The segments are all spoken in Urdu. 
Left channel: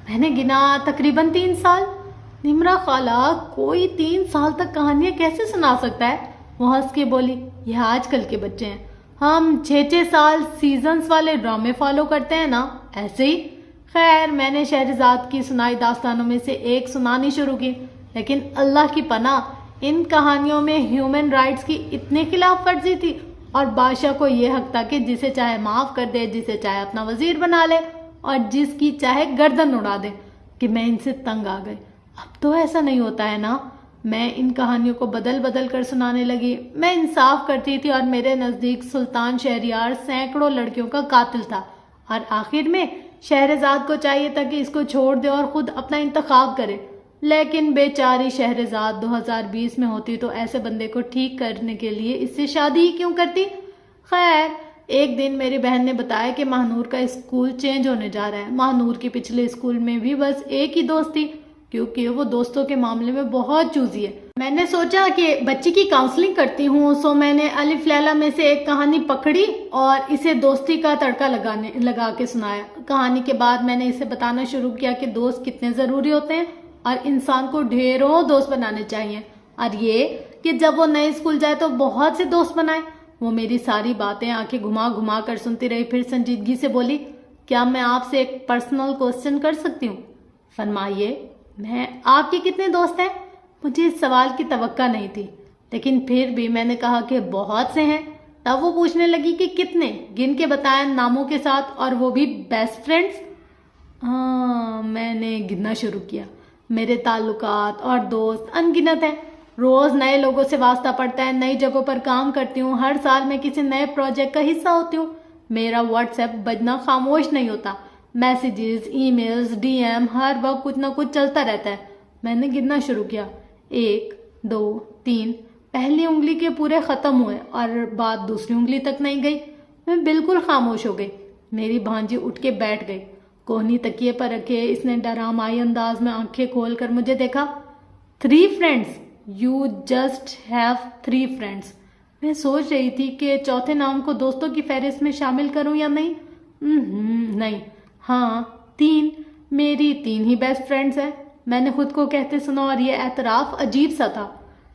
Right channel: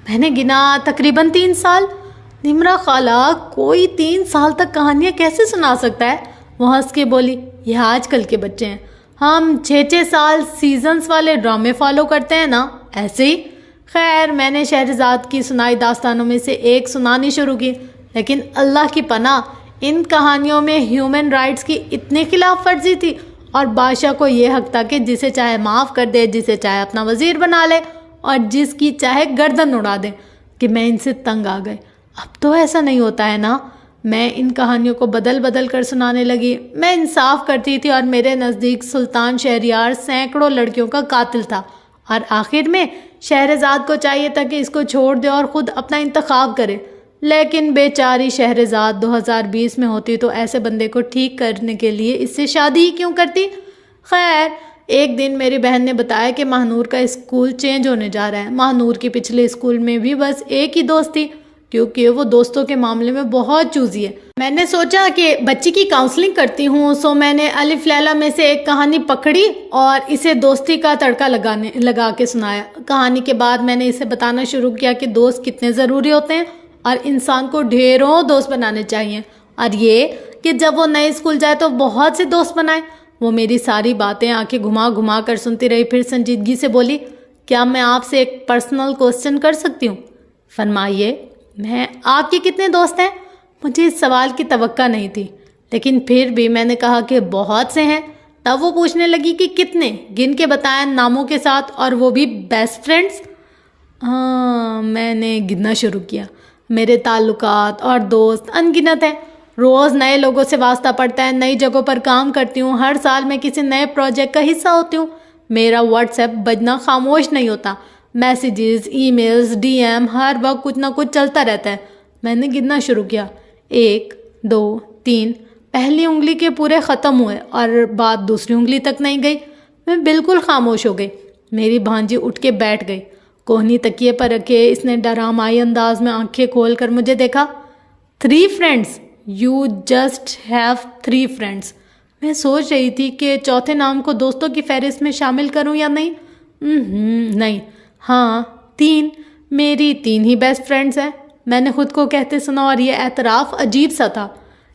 میں نے گنا تقریباً 3 سال۔ نمرہ خالہ کوئی 3 سال تک کہانیاں کیسے سنا سکتا ہے؟ وہ ہنس کے بولی، یہ آج کل کے بچے ہیں، ہم 6 سال سیزنز والے ڈرامے فالو کرتے ہیں نا، ایسے ہی۔ خیر میں نے شہرزاد کی سنائی داستانوں میں سے ایک سنانی شروع کی، لیکن اللہ کی پناہ ان کہانیوں میں ہیومن رائٹس کی اتنی خلاف ورزی تھی اور بادشاہ کو یہ حق تھا کہ جسے چاہے معاف کر دے، جسے چاہے اپنا وزیر بنا لے اور جس کی چاہے گردن اڑا دے، کہ میں ان سے تنگ آ گئی۔ اب تو ایسا نہیں ہوتا ہے نا۔ میں ان کہانیوں کو بدل بدل کر سنانے لگی۔ میں انصاف کرتی تھی اور میرے نزدیک سلطان شہریار سینکڑوں لڑکیوں کا قاتل تھا، اور آخر میں شہرزاد کو چاہیے تھا کہ اس کو چھوڑ دے اور خود اپنا انتخاب کرے، لیکن بیچاری شہرزاد 2020 میں ہوتی تو ایسے بندے کو ٹھیک کرنے کے لیے اس سے شادی ہی کیوں کرتی؟ خیر ایک دن میری بہن نے بتایا کہ ماہنور کا اسکول چینج ہونے جا رہا ہے۔ ماہنور کے پچھلے اسکول میں بھی بس ایک ہی دوست تھی، کیونکہ وہ دوستوں کے معاملے میں بہت چوزی ہے۔ میں نے سوچا کہ بچی کی کاؤنسلنگ کرتی ہوں، سو میں نے الف لیلا میں سے ایک کہانی پکڑی اور اسے دوستی کا تڑکا لگا کے سنایا۔ کہانی کے بعد میں نے اسے بتانا شروع کیا کہ دوست کتنے ضروری ہوتے ہیں اور انسان کو ڈھیروں دوست بنانے چاہیے، اور یہ کہ جب وہ نئے اسکول جائے تو بہت سے دوست بنائے۔ وہ میری ساری باتیں آنکھیں گھما گھما کر سنتی رہی، پھر سنجیدگی سے بولی، کیا میں آپ سے ایک پرسنل کوسچن کر سکتی ہوں؟ فرمائیے۔ آپ کے کتنے دوست ہیں؟ مجھے اس سوال کی توقع نہیں تھی، لیکن پھر بھی میں نے کہا کہ بہت سے ہیں۔ تب وہ پوچھنے لگی کہ کتنے؟ گن کے بتائیں ناموں کے ساتھ، اور وہ بھی بیسٹ فرینڈز؟ ہاں، میں نے گننا شروع کیا۔ میرے تعلقات اور دوست ان گنت ہیں، روز نئے لوگوں سے واسطہ پڑتا ہے، نئی جگہوں پر کام کرتی ہوں، ہر سال میں کسی نئے پروجیکٹ کا حصہ ہوتی ہوں، میرا واٹس ایپ بجنا خاموش نہیں ہوتا، messages, e mails, D M, ہر وقت کچھ نہ کچھ چلتا رہتا ہے۔ میں نے گننا شروع کیا، 1 2 3، پہلی انگلی کے پورے ختم ہوئے اور بات دوسری انگلی تک نہیں گئی۔ میں بالکل خاموش ہو گئی۔ میری بھانجی اٹھ کے بیٹھ گئی، کوہنی تکیے پر رکھے اس نے ڈرامائی انداز میں آنکھیں کھول کر مجھے دیکھا۔ 3 friends? You just have 3 friends? میں سوچ رہی تھی کہ چوتھے نام کو دوستوں کی فہرست میں شامل کروں یا نہیں۔ نہیں، ہاں 3، میری 3 ہی بیسٹ فرینڈز ہیں، میں نے خود کو کہتے سنا، اور یہ اعتراف عجیب سا تھا۔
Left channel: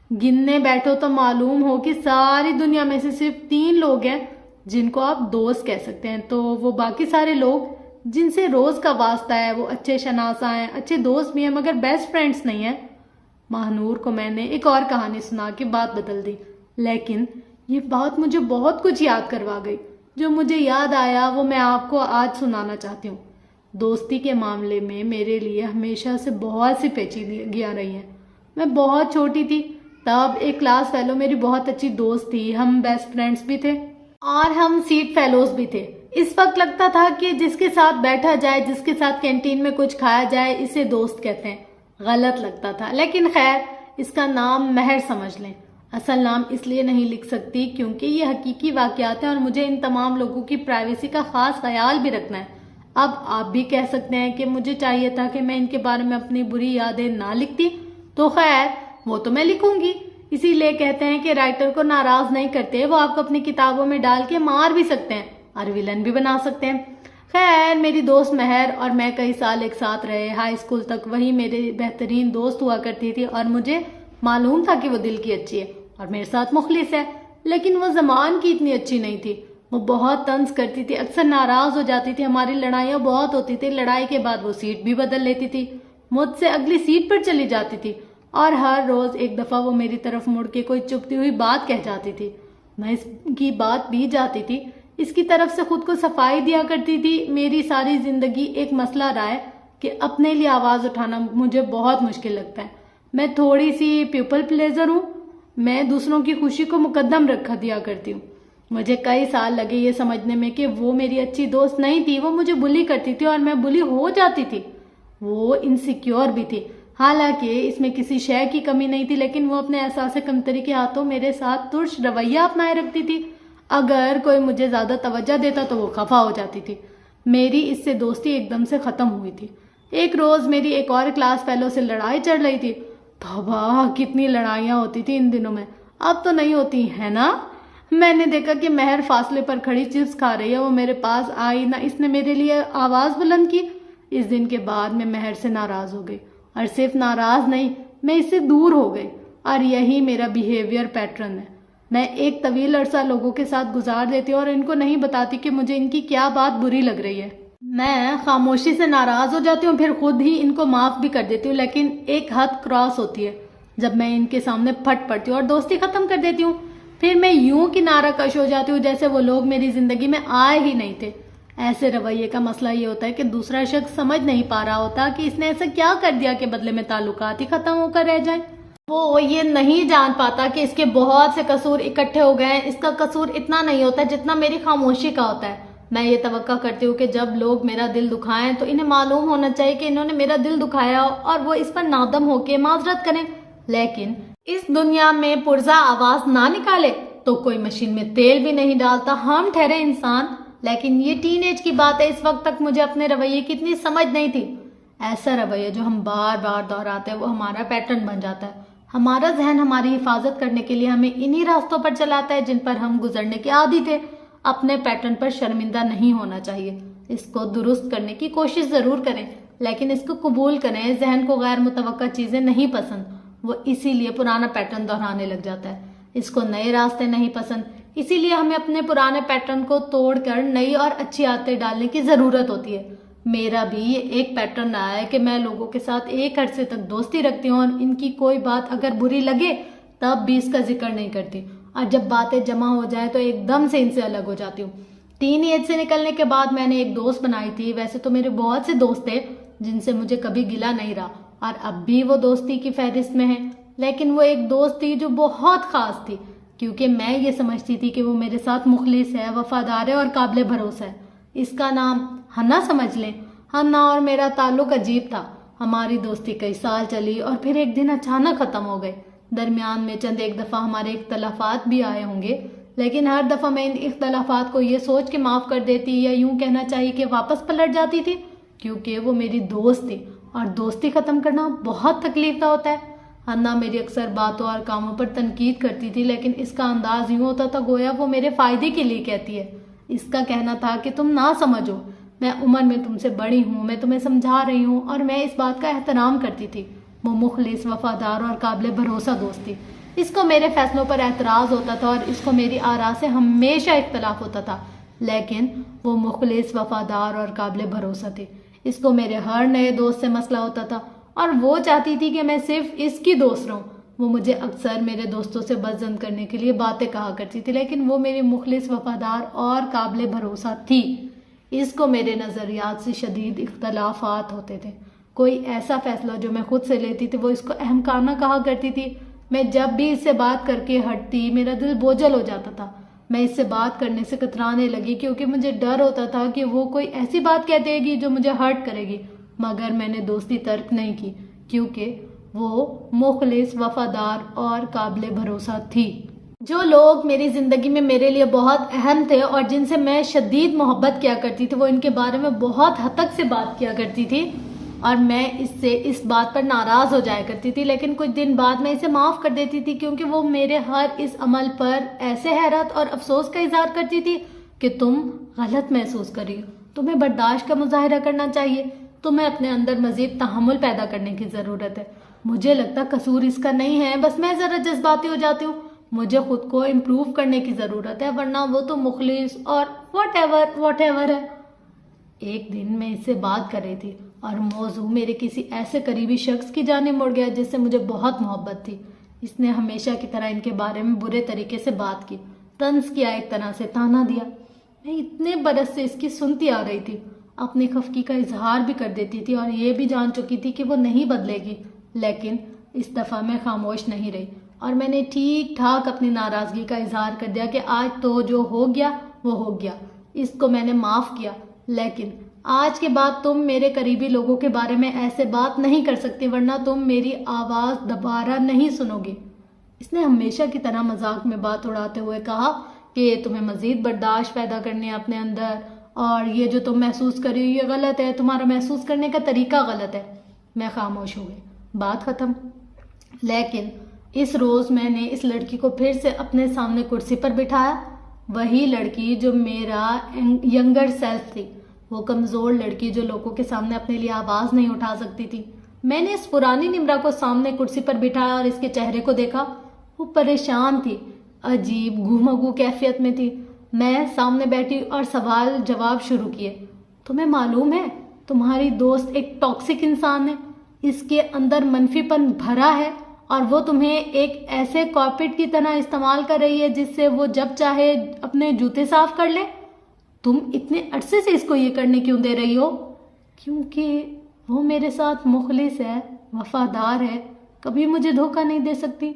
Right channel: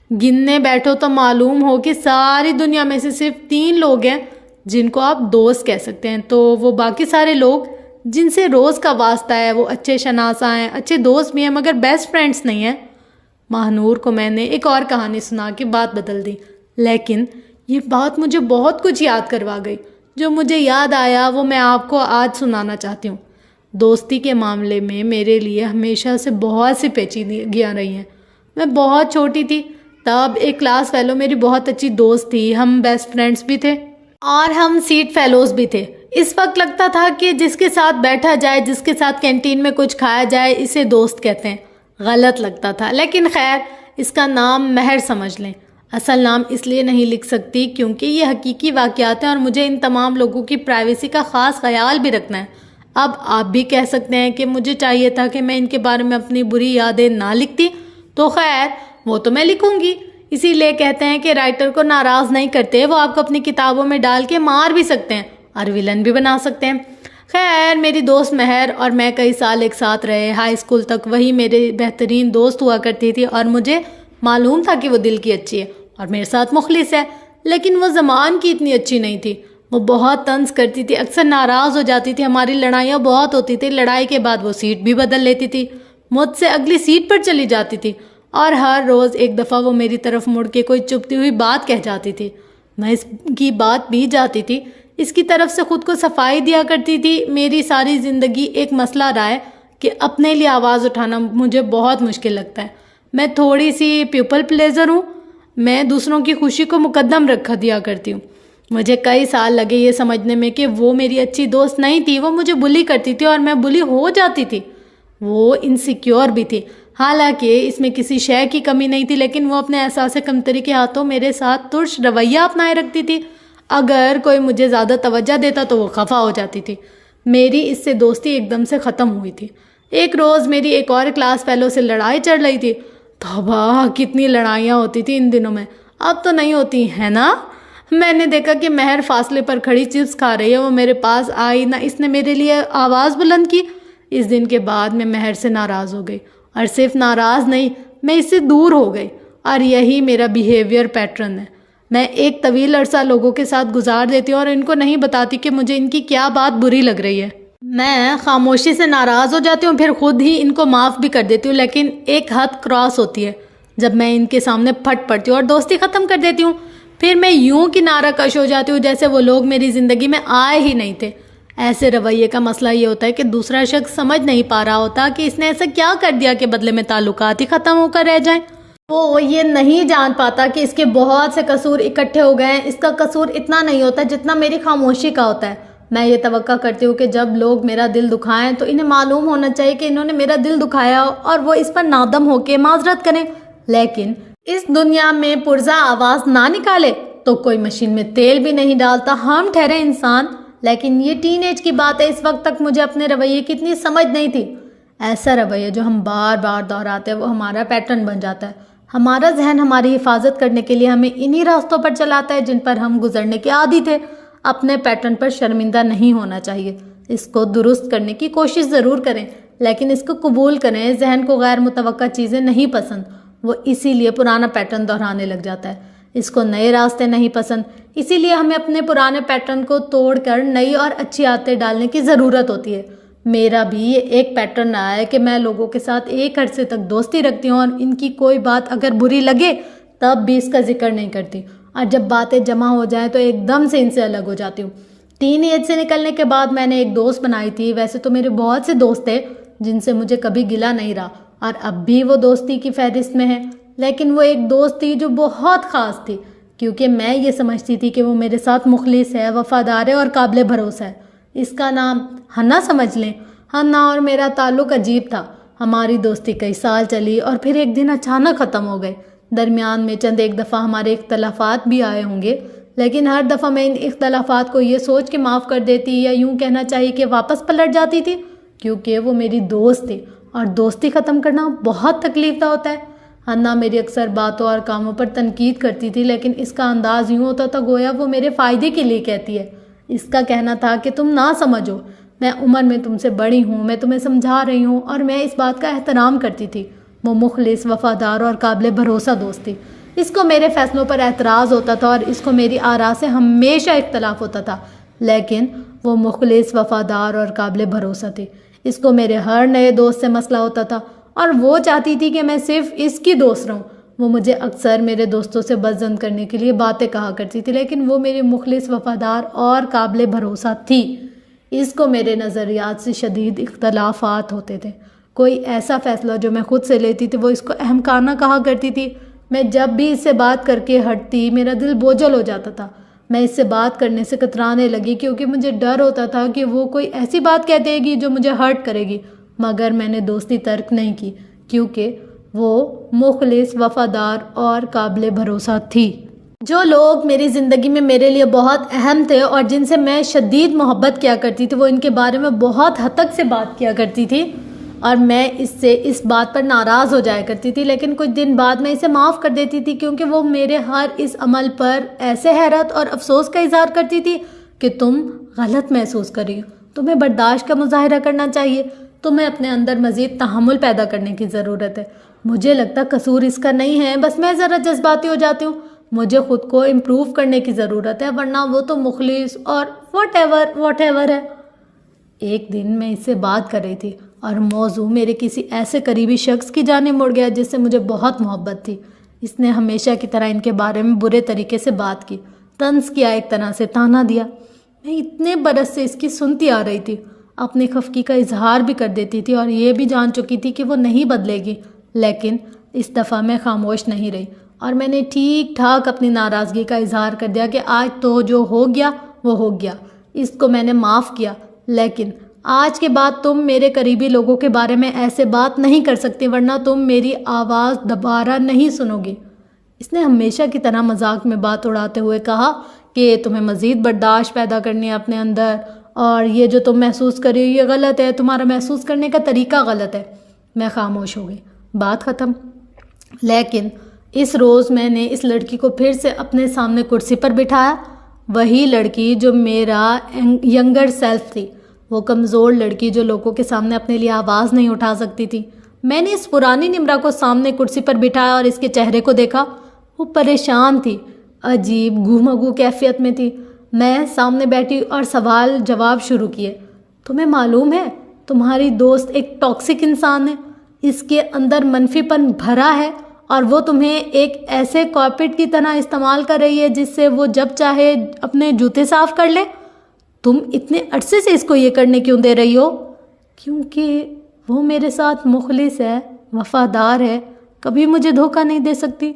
گننے بیٹھو تو معلوم ہو کہ ساری دنیا میں سے صرف 3 لوگ ہیں جن کو آپ دوست کہہ سکتے ہیں، تو وہ باقی سارے لوگ جن سے روز کا واسطہ ہے وہ اچھے شناسا ہیں، اچھے دوست بھی ہیں، مگر بیسٹ فرینڈز نہیں ہیں۔ ماہنور کو میں نے ایک اور کہانی سنا کے بات بدل دی، لیکن یہ بات مجھے بہت کچھ یاد کروا گئی۔ جو مجھے یاد آیا وہ میں آپ کو آج سنانا چاہتی ہوں۔ دوستی کے معاملے میں میرے لیے ہمیشہ سے بہت سی پیچیدگیاں رہی ہیں۔ میں بہت چھوٹی تھی تب ایک کلاس فیلو میری بہت اچھی دوست تھی، ہم بیسٹ فرینڈز بھی تھے اور ہم سیٹ فیلوز بھی تھے۔ اس وقت لگتا تھا کہ جس کے ساتھ بیٹھا جائے، جس کے ساتھ کینٹین میں کچھ کھایا جائے، اسے دوست کہتے ہیں۔ غلط لگتا تھا، لیکن خیر اس کا نام مہر سمجھ لیں۔ اصل نام اس لیے نہیں لکھ سکتی کیونکہ یہ حقیقی واقعات ہیں اور مجھے ان تمام لوگوں کی پرائیویسی کا خاص خیال بھی رکھنا ہے۔ اب آپ بھی کہہ سکتے ہیں کہ مجھے چاہیے تھا کہ میں ان کے بارے میں اپنی بری یادیں نہ لکھتی، تو خیر وہ تو میں لکھوں گی۔ اسی لیے کہتے ہیں کہ رائٹر کو ناراض نہیں کرتے، وہ آپ کو اپنی کتابوں میں ڈال کے مار بھی سکتے ہیں اور ویلن بھی بنا سکتے ہیں۔ خیر میری دوست مہر اور میں کئی سال ایک ساتھ رہے، ہائی اسکول تک وہی میرے بہترین دوست ہوا کرتی تھی، اور مجھے معلوم تھا کہ وہ دل کی اچھی ہے اور میرے ساتھ مخلص ہے، لیکن وہ زمان کی اتنی اچھی نہیں تھی۔ وہ بہت طنز کرتی تھی، اکثر ناراض ہو جاتی تھی، ہماری لڑائیاں بہت ہوتی تھی، لڑائی کے بعد وہ سیٹ بھی بدل لیتی تھی، مجھ سے اگلی سیٹ پر چلی جاتی تھی، اور ہر روز ایک دفعہ وہ میری طرف مڑ کے کوئی چپتی ہوئی بات کہہ جاتی تھی۔ میں اس کی بات بھی جاتی تھی، اس کی طرف سے خود کو صفائی دیا کرتی تھی۔ میری ساری زندگی ایک مسئلہ رہا ہے کہ اپنے لیے آواز اٹھانا مجھے بہت مشکل لگتا ہے۔ میں تھوڑی سی پیپل پلیزر ہوں، میں دوسروں کی خوشی کو مقدم رکھ دیا کرتی ہوں۔ مجھے کئی سال لگے یہ سمجھنے میں کہ وہ میری اچھی دوست نہیں تھی، وہ مجھے بلی کرتی تھی اور میں بلی ہو جاتی تھی۔ وہ انسیکیور بھی تھی، حالانکہ اس میں کسی شے کی کمی نہیں تھی، لیکن وہ اپنے احساس کمتری کے ہاتھوں میرے ساتھ ترش رویہ اپنائے رکھتی تھی۔ اگر کوئی مجھے زیادہ توجہ دیتا تو وہ خفا ہو جاتی تھی۔ میری اس سے دوستی ایک دم سے ختم ہوئی تھی۔ ایک روز میری ایک اور کلاس فیلو سے لڑائی چڑھ رہی تھی۔ توبہ، کتنی لڑائیاں ہوتی تھی ان دنوں میں، اب تو نہیں ہوتی ہے نا۔ میں نے دیکھا کہ مہر فاصلے پر کھڑی چپس کھا رہی ہے، وہ میرے پاس آئی، نہ اس نے میرے لیے آواز بلند کی اس دن کے بعد میں مہر سے ناراض ہو گئی، اور صرف ناراض نہیں، میں اس سے دور ہو گئی، اور یہی میرا بیہیویئر پیٹرن ہے۔ میں ایک طویل عرصہ لوگوں کے ساتھ گزار دیتی ہوں اور ان کو نہیں بتاتی کہ مجھے ان کی کیا بات بری لگ رہی ہے۔ میں خاموشی سے ناراض ہو جاتی ہوں، پھر خود ہی ان کو معاف بھی کر دیتی ہوں، لیکن ایک حد کراس ہوتی ہے جب میں ان کے سامنے پھٹ پڑتی ہوں اور دوستی ختم کر دیتی ہوں۔ پھر میں یوں کنارہ کش ہو جاتی ہوں جیسے وہ لوگ میری زندگی میں آئے ہی نہیں تھے۔ ایسے رویے کا مسئلہ یہ ہوتا ہے کہ دوسرا شخص سمجھ نہیں پا رہا ہوتا کہ اس نے ایسا کیا کر دیا کہ بدلے میں تعلقات ہی ختم ہو کر رہ جائیں۔ وہ یہ نہیں جان پاتا کہ اس کے بہت سے قصور اکٹھے ہو گئے ہیں۔ اس کا قصور اتنا نہیں ہوتا جتنا میری خاموشی کا ہوتا ہے۔ میں یہ توقع کرتی ہوں کہ جب لوگ میرا دل دکھائیں تو انہیں معلوم ہونا چاہیے کہ انہوں نے میرا دل دکھایا اور وہ اس پر نادم ہو کے معذرت کریں، لیکن اس دنیا میں پرزا آواز نہ نکالے تو کوئی مشین میں تیل بھی نہیں ڈالتا۔ ہم ٹھہرے انسان، لیکن یہ ٹین ایج کی بات ہے، اس وقت تک مجھے اپنے رویے کی اتنی سمجھ نہیں تھی۔ ایسا رویہ جو ہم بار بار دہراتے ہیں وہ ہمارا پیٹرن بن جاتا ہے۔ ہمارا ذہن ہماری حفاظت کرنے کے لیے ہمیں انہی راستوں پر چلاتا ہے جن پر ہم گزرنے کے عادی تھے۔ اپنے پیٹرن پر شرمندہ نہیں ہونا چاہیے، اس کو درست کرنے کی کوشش ضرور کریں، لیکن اس کو قبول کریں۔ ذہن کو غیر متوقع چیزیں نہیں پسند، وہ اسی لیے پرانا پیٹرن دہرانے لگ جاتا ہے۔ اس کو نئے راستے نہیں پسند، اسی لیے ہمیں اپنے پرانے پیٹرن کو توڑ کر نئی اور اچھی عادتیں ڈالنے کی ضرورت ہوتی ہے۔ میرا بھی یہ ایک پیٹرن رہا ہے کہ میں لوگوں کے ساتھ ایک عرصے تک دوستی رکھتی ہوں اور ان کی کوئی بات اگر بری لگے تب بھی اس کا ذکر نہیں کرتی، اور جب باتیں جمع ہو جائیں تو ایک دم سے ان سے الگ ہو جاتی ہوں۔ ٹین ایج سے نکلنے کے بعد میں نے ایک دوست بنائی تھی۔ ویسے تو میرے بہت سے دوست تھے جن سے مجھے کبھی گلہ نہیں رہا، اور اب بھی وہ دوستی کی فہرست میں ہے، لیکن وہ ایک دوست تھی جو بہت خاص تھی، کیونکہ میں یہ سمجھتی تھی کہ وہ میرے ساتھ مخلص ہے، وفادار ہے اور قابل بھروسہ ہے۔ اس کا نام ہنا سمجھ لیں۔ ہنا اور میرا تعلق عجیب تھا۔ ہماری دوستی کئی سال چلی اور پھر ایک دن اچانک ختم ہو گئے۔ درمیان میں چند ایک دفعہ ہمارے اختلافات بھی آئے ہوں گے، لیکن ہر دفعہ میں ان اختلافات کو یہ سوچ کے معاف کر دیتی، یا یوں کہنا چاہیے کہ واپس پلٹ جاتی تھی، کیونکہ وہ میری دوست تھی اور دوستی ختم کرنا بہت تکلیف دہ ہوتا ہے۔ ہنا میری اکثر باتوں اور کاموں پر تنقید کرتی تھی، لیکن اس کا انداز یوں ہوتا تھا گویا وہ میرے فائدے کے لیے کہتی ہے۔ اس کا کہنا تھا کہ تم نہ سمجھو، میں عمر میں تم سے بڑی ہوں، میں تمہیں سمجھا رہی ہوں، اور میں اس بات کا احترام کرتی تھی۔ وہ مخلص، وفادار اور قابل بھروسہ دوست تھی۔ اس کو میرے فیصلوں پر اعتراض ہوتا تھا اور اس کو میری آراء سے ہمیشہ اختلاف ہوتا تھا، لیکن وہ مخلص، وفادار اور قابل بھروسہ تھی۔ اس کو میرے ہر نئے دوست سے مسئلہ ہوتا تھا اور وہ چاہتی تھی کہ میں صرف اس کی دوست رہوں۔ وہ مجھے اکثر میرے دوستوں سے بدظن کرنے کے لیے باتیں کہا کرتی تھی، لیکن وہ میری مخلص، وفادار اور قابل بھروسہ تھی۔ اس کو میرے نظریات سے شدید اختلافات ہوتے تھے۔ کوئی ایسا فیصلہ جو میں خود سے لیتی تھی وہ اس کو احمقانہ کہا کرتی تھی۔ میں جب بھی اس سے بات کر کے ہٹتی میرا دل بوجھل ہو جاتا تھا۔ میں اس سے بات کرنے سے کترانے لگی کیونکہ مجھے ڈر ہوتا تھا کہ وہ کوئی ایسی بات کہہ دے گی جو مجھے ہرٹ کرے گی، مگر میں نے دوستی ترک نہیں کی کیونکہ وہ مخلص، وفادار اور قابل بھروسہ تھی۔ جو لوگ میری زندگی میں میرے لیے بہت اہم تھے اور جن سے میں شدید محبت کیا کرتی تھی، وہ ان کے بارے میں بہت حد تک سے بات کیا کرتی تھی اور میں اس بات پر ناراض ہو جایا کرتی تھی، لیکن کچھ دن بعد میں اسے معاف کر دیتی تھی کیونکہ وہ میرے ہر اس عمل پر ایسے حیرت اور افسوس کا اظہار کرتی تھی کہ تم غلط محسوس کر رہی ہو، تمہیں برداشت کا مظاہرہ کرنا چاہیے، تمہیں اپنے اندر مزید تحمل پیدا کرنے کی ضرورت ہے۔ مجھے لگتا قصور اس کا نہیں ہے، بس میں ذرا جذباتی ہو جاتی ہوں۔ مجھے خود کو امپروو کرنے کی ضرورت ہے، ورنہ وہ تو مخلص اور واٹ ایور ہے۔ ایک دن میں اس سے بات کر رہی تھی اور موضوع میرے کسی ایسے قریبی شخص کی جانب مڑ گیا جس سے مجھے بہت محبت تھی۔ اس نے ہمیشہ کی طرح ان کے بارے میں برے طریقے سے بات کی، طنز کیا، ایک طرح سے تانا دیا۔ میں اتنے برس سے اس کی سنتی آ رہی تھی، اپنی خفگی کا اظہار بھی کر دیتی تھی اور یہ بھی جان چکی تھی کہ وہ نہیں بدلے گی، لیکن اس دفعہ میں خاموش نہیں رہی اور میں نے ٹھیک ٹھاک اپنی ناراضگی کا اظہار کر دیا کہ آج تو جو ہو گیا وہ ہو گیا، اس کو میں نے معاف کیا، لیکن آج کے بعد تم میرے قریبی لوگوں کے بارے میں ایسے بات نہیں کر سکتے، ورنہ تم میری آواز دوبارہ نہیں سنو گی۔ اس نے ہمیشہ کی طرح مذاق میں بات اڑاتے ہوئے کہا کہ تمہیں مزید برداشت پیدا کرنی ہے اپنے اندر، اور یہ جو تم محسوس کر رہی ہو یہ غلط ہے، تمہارا محسوس کرنے کا طریقہ غلط ہے۔ میں خاموش ہو گئی، بات ختم۔ لیکن اس روز میں نے اس لڑکی کو پھر سے اپنے سامنے کرسی پر بٹھایا، وہی لڑکی جو میرا ینگر سیلف تھی۔ وہ کمزور لڑکی جو لوگوں کے سامنے اپنے لیے آواز نہیں اٹھا سکتی تھی۔ میں نے اس پرانی نمرہ کو سامنے کرسی پر بٹھایا اور اس کے چہرے کو دیکھا۔ وہ پریشان تھی، عجیب گھومگو کیفیت میں تھی۔ میں سامنے بیٹھی اور سوال جواب شروع کیے۔ تمہیں معلوم ہے تمہاری دوست ایک ٹاکسک انسان ہے، اس کے اندر منفی پن بھرا ہے اور وہ تمہیں ایک ایسے کارپیٹ کی طرح استعمال کر رہی ہے جس سے وہ جب چاہے اپنے جوتے صاف کر لے۔ تم اتنے عرصے سے اس کو یہ کرنے کیوں دے رہی ہو؟ کیونکہ وہ میرے ساتھ مخلص ہے، وفادار ہے، کبھی مجھے دھوکہ نہیں دے سکتی۔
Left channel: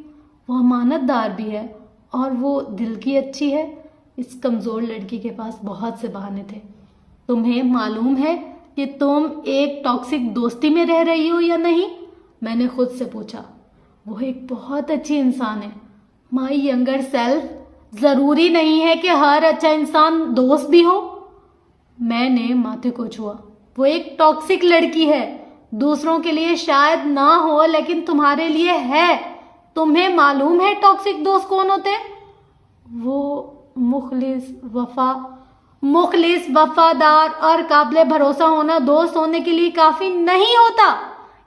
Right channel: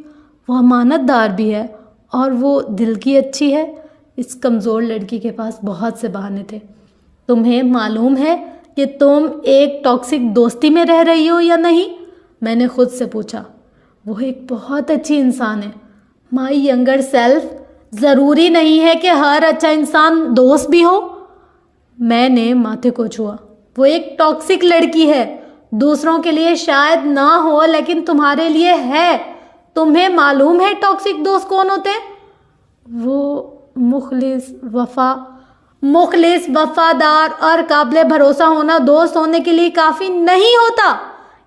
وہ امانت دار بھی ہے اور وہ دل کی اچھی ہے۔ اس کمزور لڑکی کے پاس بہت سے بہانے تھے۔ تمہیں معلوم ہے کہ تم ایک ٹاکسک دوستی میں رہ رہی ہو یا نہیں؟ میں نے خود سے پوچھا۔ وہ ایک بہت اچھی انسان ہے، مائی ینگر سیلف۔ ضروری نہیں ہے کہ ہر اچھا انسان دوست بھی ہو۔ میں نے ماتھے کو چھوا۔ وہ ایک ٹاکسک لڑکی ہے، دوسروں کے لیے شاید نہ ہو لیکن تمہارے لیے ہے۔ تمہیں معلوم ہے ٹاکسک دوست کون ہوتے ہیں؟ وہ مخلص، وفادار اور قابل بھروسہ ہونا دوست ہونے کے لیے کافی نہیں ہوتا۔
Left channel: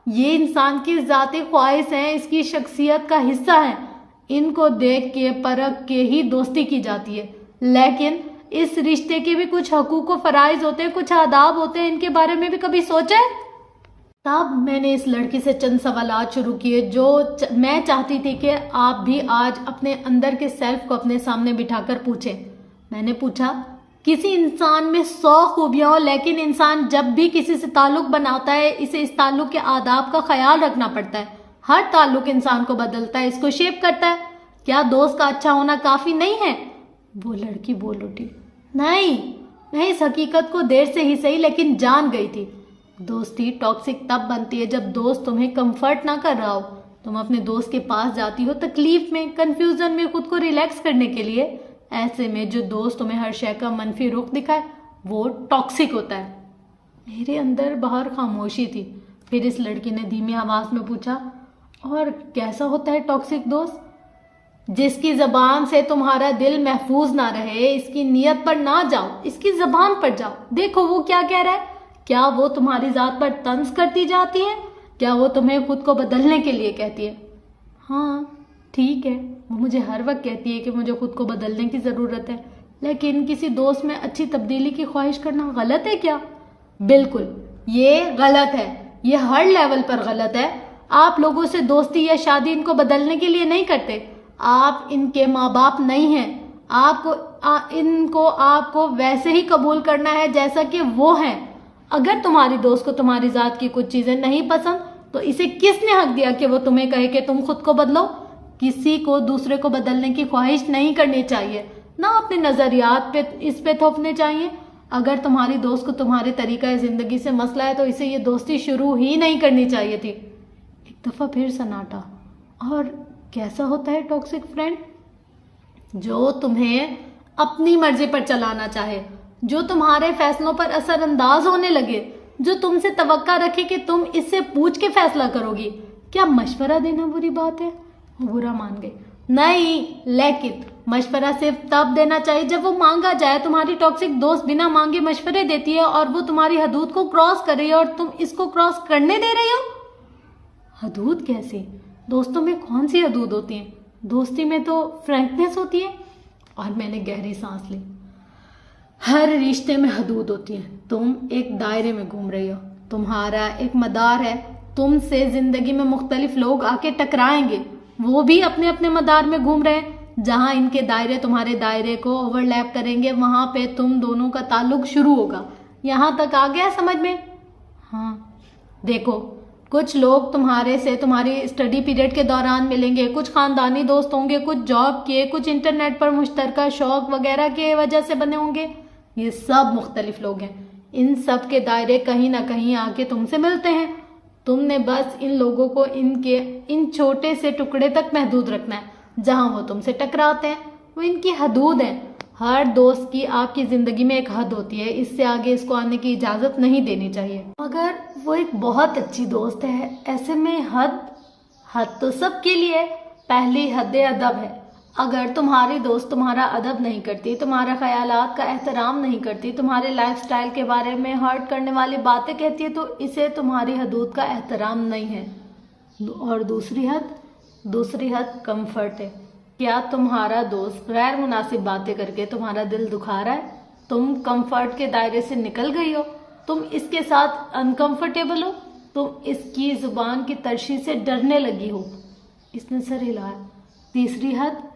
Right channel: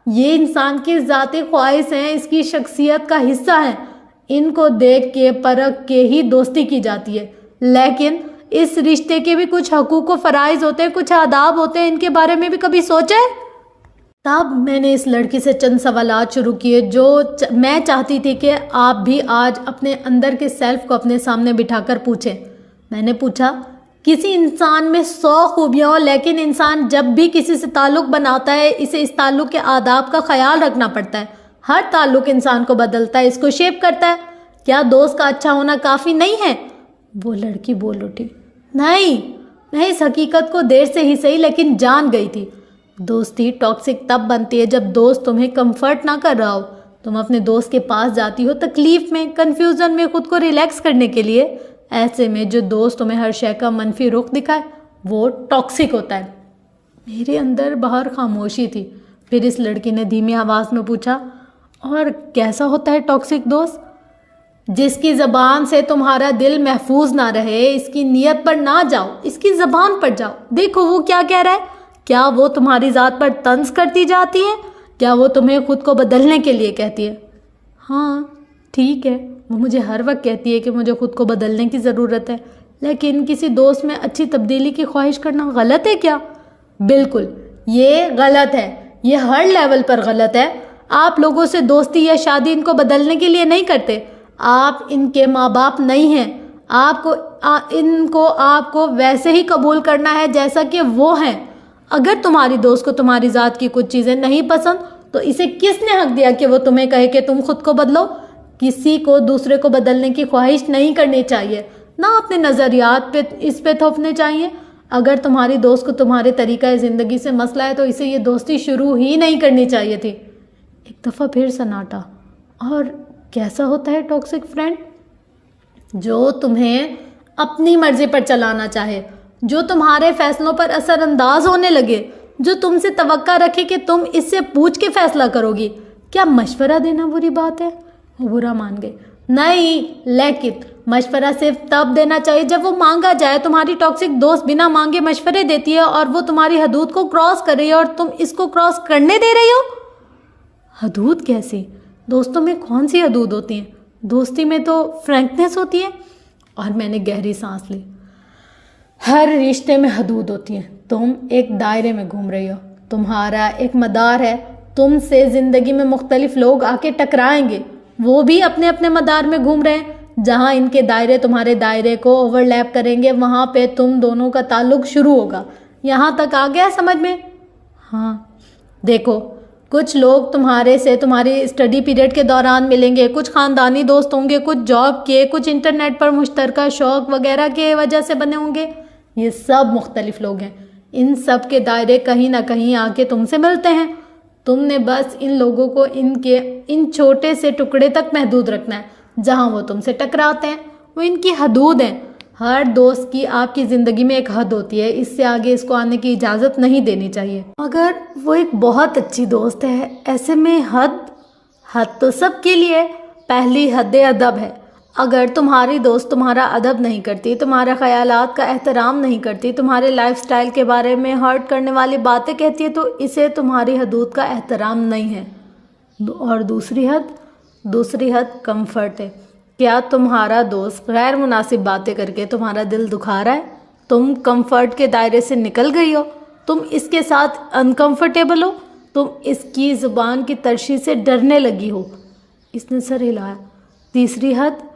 یہ انسان کی ذاتی خواہش ہیں، اس کی شخصیت کا حصہ ہیں۔ ان کو دیکھ کے پرکھ کے ہی دوستی کی جاتی ہے، لیکن اس رشتے کے بھی کچھ حقوق و فرائض ہوتے ہیں، کچھ آداب ہوتے ہیں۔ ان کے بارے میں بھی کبھی سوچے؟ تب میں نے اس لڑکی سے چند سوالات شروع کیے جو میں چاہتی تھی کہ آپ بھی آج اپنے اندر کے سیلف کو اپنے سامنے بٹھا کر پوچھیں۔ میں نے پوچھا، کسی انسان میں 100 خوبیاں ہوں لیکن انسان جب بھی کسی سے تعلق بناتا ہے اسے اس تعلق کے آداب کا خیال رکھنا پڑتا ہے۔ ہر تعلق انسان کو بدلتا ہے، اس کو شیپ کرتا ہے۔ کیا دوست کا اچھا ہونا کافی نہیں ہے؟ وہ لڑکی بول اٹھی، نہیں، میں اس حقیقت کو دیر سے ہی صحیح لیکن جان گئی تھی۔ دوستی ٹاکسک تب بنتی ہے جب دوست تمہیں کمفرٹ نہ کر رہا ہو۔ تم اپنے دوست کے پاس جاتی ہو تکلیف میں، کنفیوژن میں، خود کو ریلیکس کرنے کے لیے۔ ایسے میں جو دوست تمہیں ہر شے کا منفی رخ دکھائے وہ ٹاکسک ہوتا ہے۔ میرے اندر باہر خاموشی تھی۔ پھر اس لڑکی نے دھیمی آواز میں پوچھا، اور کیسا ہوتا ہے ٹاکسک دوست؟ جس کی زبان سے تمہارا دل محفوظ نہ رہے، اس کی نیت پر نہ جاؤ، اس کی زبان پر جاؤ۔ دیکھو وہ کیا کہہ رہا ہے۔ کیا وہ تمہاری ذات پر طنز کرتی جاتی ہے؟ کیا وہ تمہیں خود کو بدلنے کے لیے کہتی ہے؟ ہاں ٹھیک ہے، وہ مجھے ہر وقت کہتی ہے کہ مجھے خود کو بدلنے کی ضرورت ہے، لیکن کسی دوست میں اچھی تبدیلی کی خواہش کرنا غلط ہے کیا؟ بالکل، یہ غلط ہے، یہ ہر لیول پر غلط ہے۔ آپ لوگوں سے دوستی یا شادی ان کو بدلنے کے لیے نہیں کرتے۔ آپ ان کے ماں باپ نہیں ہیں۔ آپ کو ویسے ہی قبول کرنا ہے جیسا کہ وہ ہیں۔ اگر تمہاری دوست کو تمہاری ذات کی کچھ چیزیں نہیں پسند تو اسے کس نے حق دیا کہ وہ تمہیں کہے کہ تم خود کو بدلو؟ کسی کو دوسرے کو بدلنے کی خواہش نہیں کرنی چاہیے، نہ اپنے نظریات پہ اس پہ تھوپنے چاہیے۔ اگر تمہاری دوست کو تمہارے طریقہ زندگی سے مسئلہ ہے تو اسے یہ دوستی شروع ہی نہیں کرنی چاہیے تھی۔ ایک دفعہ پھر سناٹا۔ اور کیسا ہوتا ہے ٹاکسک فرینڈ؟ جو تمہیں اپنی مرضی پر چلانا چاہے، جو تمہارے فیصلوں پر اثر انداز ہونے لگے، جو تم سے توقع رکھے کہ تم اس سے پوچھ کے فیصلہ کرو گی۔ کیا مشورہ دینا بری بات ہے؟ وہ برا مان گئے۔ نہیں، لیکن مشورہ صرف تب دینا چاہیے جب وہ مانگا جائے۔ تمہاری ٹاکسک دوست بنا مانگے مشورے دیتی ہے اور وہ تمہاری حدود کو کراس کر رہی ہے اور تم اس کو کراس کرنے دے رہی ہو۔ حدود کیسی؟ دوستوں میں کون سی حدود ہوتی ہیں؟ دوستی میں تو فرینکنیس ہوتی ہے۔ اور میں نے گہری سانس لی۔ ہر رشتے میں حدود ہوتی ہیں۔ تم ایک دائرے میں گھوم رہی ہو، تمہارا ایک مدار ہے۔ تم سے زندگی میں مختلف لوگ آ کے ٹکرائیں گے، وہ بھی اپنے اپنے مدار میں گھوم رہے ہیں۔ جہاں ان کے دائرے تمہارے دائرے کو اوور لیپ کریں گے وہاں پہ تم دونوں کا تعلق شروع ہوگا۔ یہاں تک آ گیا سمجھ میں؟ ہاں۔ دیکھو، کچھ لوگ تمہارے اسٹڈی پیریڈ کے دوران ملیں گے، کچھ خاندانی دوست ہوں گے، کچھ جاب کے، کچھ انٹرنیٹ پر مشترکہ شوق وغیرہ کے وجہ سے بنے ہوں گے۔ یہ سب مختلف لوگ ہیں، ان سب کے دائرے کہیں نہ کہیں آ کے تم سے ملتے ہیں۔ تم نے بس ان لوگوں کو ان چھوٹے سے ٹکڑے تک محدود رکھنا ہے جہاں وہ تم سے ٹکراتے ہیں۔ وہ ان کی حدود ہیں۔ ہر دوست کی آپ کی زندگی میں ایک حد ہوتی ہے، اس سے آگے اس کو آنے کی اجازت نہیں دینی چاہیے۔ اگر وہ ایک بہت اچھی دوست ہے، ایسے میں حد تو سب کے لیے۔ پہلی حد ادب ہے۔ اگر تمہاری دوست تمہارا ادب نہیں کرتی، تمہارے خیالات کا احترام نہیں کرتی، تمہارے لائف سٹائل کے بارے میں ہرٹ کرنے والی باتیں کہتی ہے تو اسے تمہاری حدود کا احترام نہیں ہے۔ اور دوسری حد کمفرٹ ہے۔ کیا تمہارا دوست غیر مناسب باتیں کر کے تمہارا دل دکھا رہا ہے؟ تم کمفرٹ کے دائرے سے نکل گئی ہو، تم اس کے ساتھ انکمفرٹیبل ہو، تم اس کی زبان کی ترشی سے ڈرنے لگی ہو۔ اس نے سر ہلایا۔ تیسری حد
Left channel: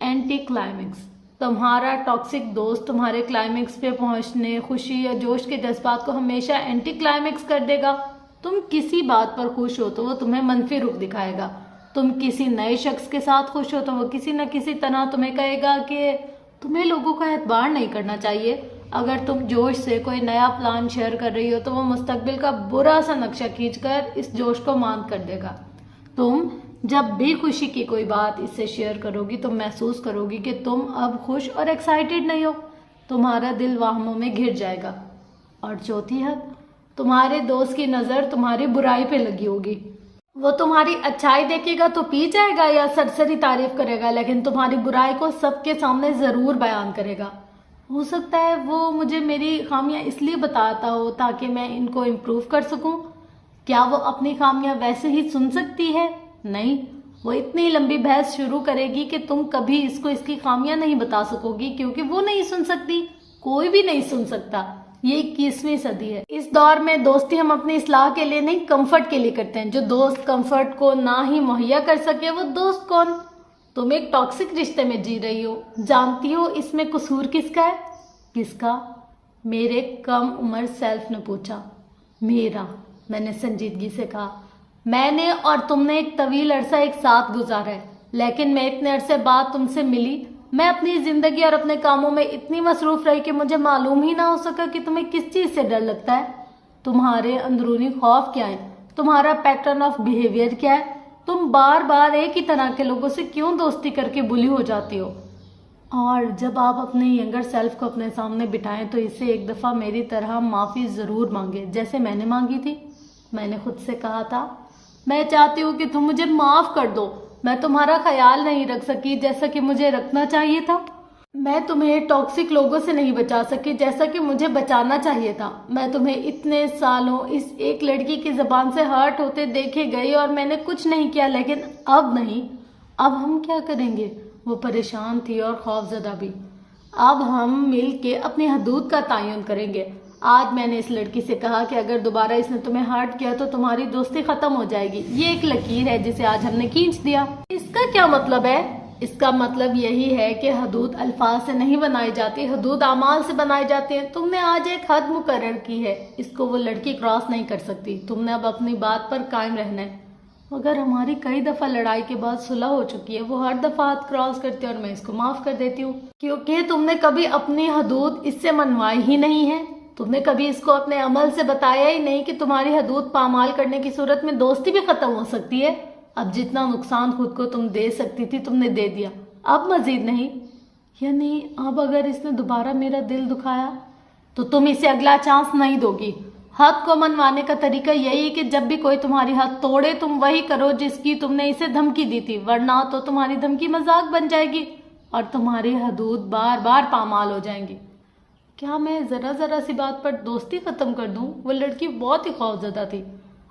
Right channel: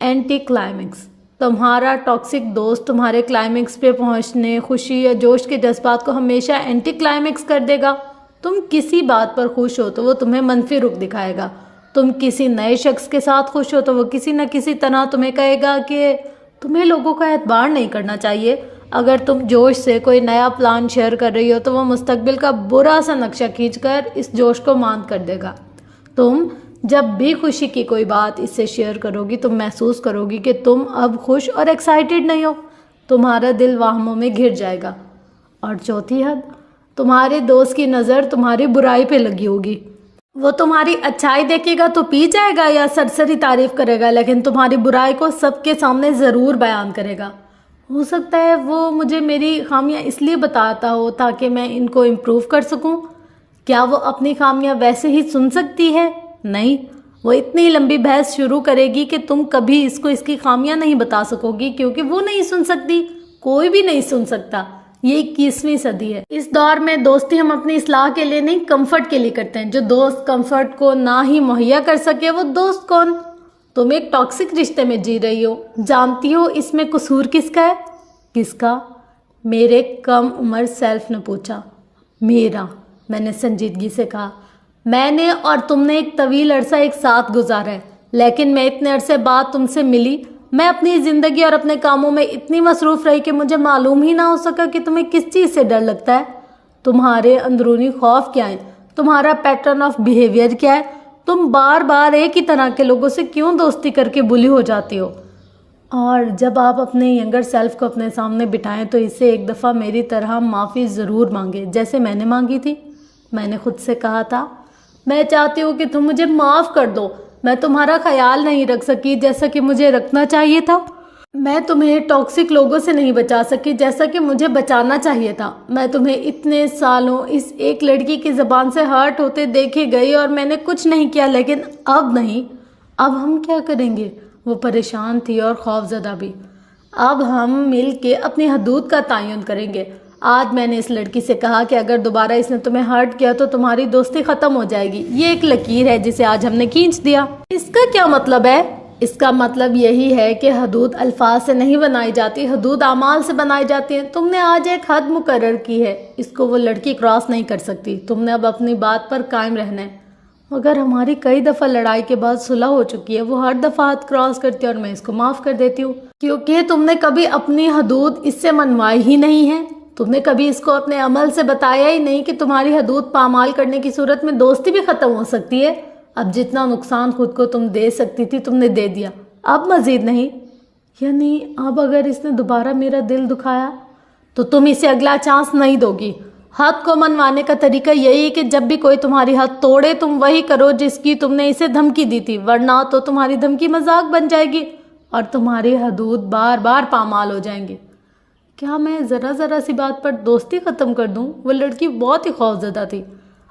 اینٹی کلائمیکس۔ تمہارا ٹاکسک دوست تمہارے کلائمیکس پہ پہنچنے، خوشی یا جوش کے جذبات کو ہمیشہ اینٹی کلائمیکس کر دے گا۔ تم کسی بات پر خوش ہو تو وہ تمہیں منفی رخ دکھائے گا، تم کسی نئے شخص کے ساتھ خوش ہو تو وہ کسی نہ کسی طرح تمہیں کہے گا کہ تمہیں لوگوں کا اعتبار نہیں کرنا چاہیے۔ اگر تم جوش سے کوئی نیا پلان شیئر کر رہی ہو تو وہ مستقبل کا برا سا نقشہ کھینچ کر اس جوش کو ماند کر دے گا۔ تم جب بھی خوشی کی کوئی بات اس سے شیئر کرو گی تم محسوس کرو گی کہ تم اب خوش اور ایکسائٹیڈ نہیں ہو، تمہارا دل واہموں میں گھر جائے گا۔ اور چوتھی حد، تمہارے دوست کی نظر تمہاری برائی پہ لگی ہوگی۔ وہ تمہاری اچھائی دیکھے گا تو پی جائے گا یا سرسری تعریف کرے گا، لیکن تمہاری برائی کو سب کے سامنے ضرور بیان کرے گا۔ ہو سکتا ہے وہ مجھے میری خامیاں اس لیے بتاتا ہو تاکہ میں ان کو امپروو کر سکوں۔ کیا وہ اپنی خامیاں ویسے ہی سن سکتی ہے؟ نہیں، وہ اتنی لمبی بحث شروع کرے گی کہ تم کبھی اس کو اس کی خامیاں نہیں بتا سکو گی، کیونکہ وہ نہیں سن سکتی، کوئی بھی نہیں سن سکتا۔ یہ 21ویں صدی ہے۔ اس دور میں دوستی ہم اپنی اصلاح کے لیے نہیں، کمفرٹ کے لیے کرتے ہیں۔ جو دوست کمفرٹ کو نہ ہی مہیا کر سکے وہ دوست کون؟ تم ایک ٹاکسک رشتے میں جی رہی ہو، جانتی ہو اس میں قصور کس کا ہے؟ کس کا؟ میرے کم عمر سیلف نے پوچھا۔ میرا، میں نے سنجیدگی سے کہا۔ میں نے اور تم نے ایک طویل عرصہ ایک ساتھ گزارا ہے، لیکن میں اتنے عرصے بعد تم سے ملی۔ میں اپنی زندگی اور اپنے کاموں میں اتنی مصروف رہی کہ مجھے معلوم ہی نہ ہو سکا کہ تمہیں کس چیز سے ڈر لگتا ہے۔ تمہارے اندرونی خوف کیا ہیں؟ تمہارا پیٹرن آف بیہیویئر کیا ہے؟ تم بار بار ایک ہی طرح کے لوگوں سے کیوں دوستی کر کے بلی ہو جاتی ہو؟ اور جب آپ اپنے ینگر سیلف کو اپنے سامنے بٹھائیں تو اسے ایک دفعہ میری طرح معافی ضرور مانگے، جیسے میں نے مانگی تھی۔ میں نے خود سے کہا تھا، میں چاہتی ہوں کہ تم مجھے معاف کر دو، میں تمہارا خیال نہیں رکھ سکی جیسا کہ مجھے رکھنا چاہیے تھا۔ میں تمہیں ٹاکسک لوگوں سے نہیں بچا سکی جیسا کہ مجھے بچانا چاہیے تھا۔ میں تمہیں اتنے سالوں اس ایک لڑکی کی زبان سے ہرٹ ہوتے دیکھے گئی اور میں نے کچھ نہیں کیا، لیکن اب نہیں۔ اب ہم کیا کریں گے؟ وہ پریشان تھی اور خوفزدہ بھی۔ اب ہم مل کے اپنی حدود کا تعین کریں گے۔ آج میں نے اس لڑکی سے کہا کہ اگر دوبارہ اس نے تمہیں ہرٹ کیا تو تمہاری دوستی ختم ہو جائے گی۔ یہ ایک لکیر ہے جسے آج ہم نے کھینچ دیا۔ اس کا کیا مطلب ہے؟ اس کا مطلب یہی ہے کہ حدود الفاظ سے نہیں بنائی جاتی، حدود اعمال سے بنائی جاتی ہیں۔ تم نے آج ایک حد مقرر کی ہے، اس کو وہ لڑکی کراس نہیں کر سکتی۔ تم نے اب اپنی بات پر قائم رہنا ہے۔ مگر ہماری کئی دفعہ لڑائی کے بعد صلح ہو چکی ہے، وہ ہر دفعہ حد کراس کرتی ہے اور میں اس کو معاف کر دیتی ہوں، کیونکہ تم نے کبھی اپنی حدود اس سے منوائی ہی نہیں ہے۔ تم نے کبھی اس کو اپنے عمل سے بتایا ہی نہیں کہ تمہاری حدود پامال کرنے کی صورت میں دوستی بھی ختم ہو سکتی ہے۔ اب جتنا نقصان خود کو تم دے سکتی تھی تم نے دے دیا، اب مزید نہیں۔ یعنی اب اگر اس نے دوبارہ میرا دل دکھایا تو تم اسے اگلا چانس نہیں دو گی۔ حد کو منوانے کا طریقہ یہی ہے کہ جب بھی کوئی تمہاری حد توڑے تم وہی کرو جس کی تم نے اسے دھمکی دی تھی، ورنہ تو تمہاری دھمکی مذاق بن جائے گی اور تمہاری حدود بار بار پامال ہو جائیں گی۔ کیا میں ذرا سی بات پر دوستی ختم کر دوں؟ وہ لڑکی بہت ہی خوفزدہ تھی۔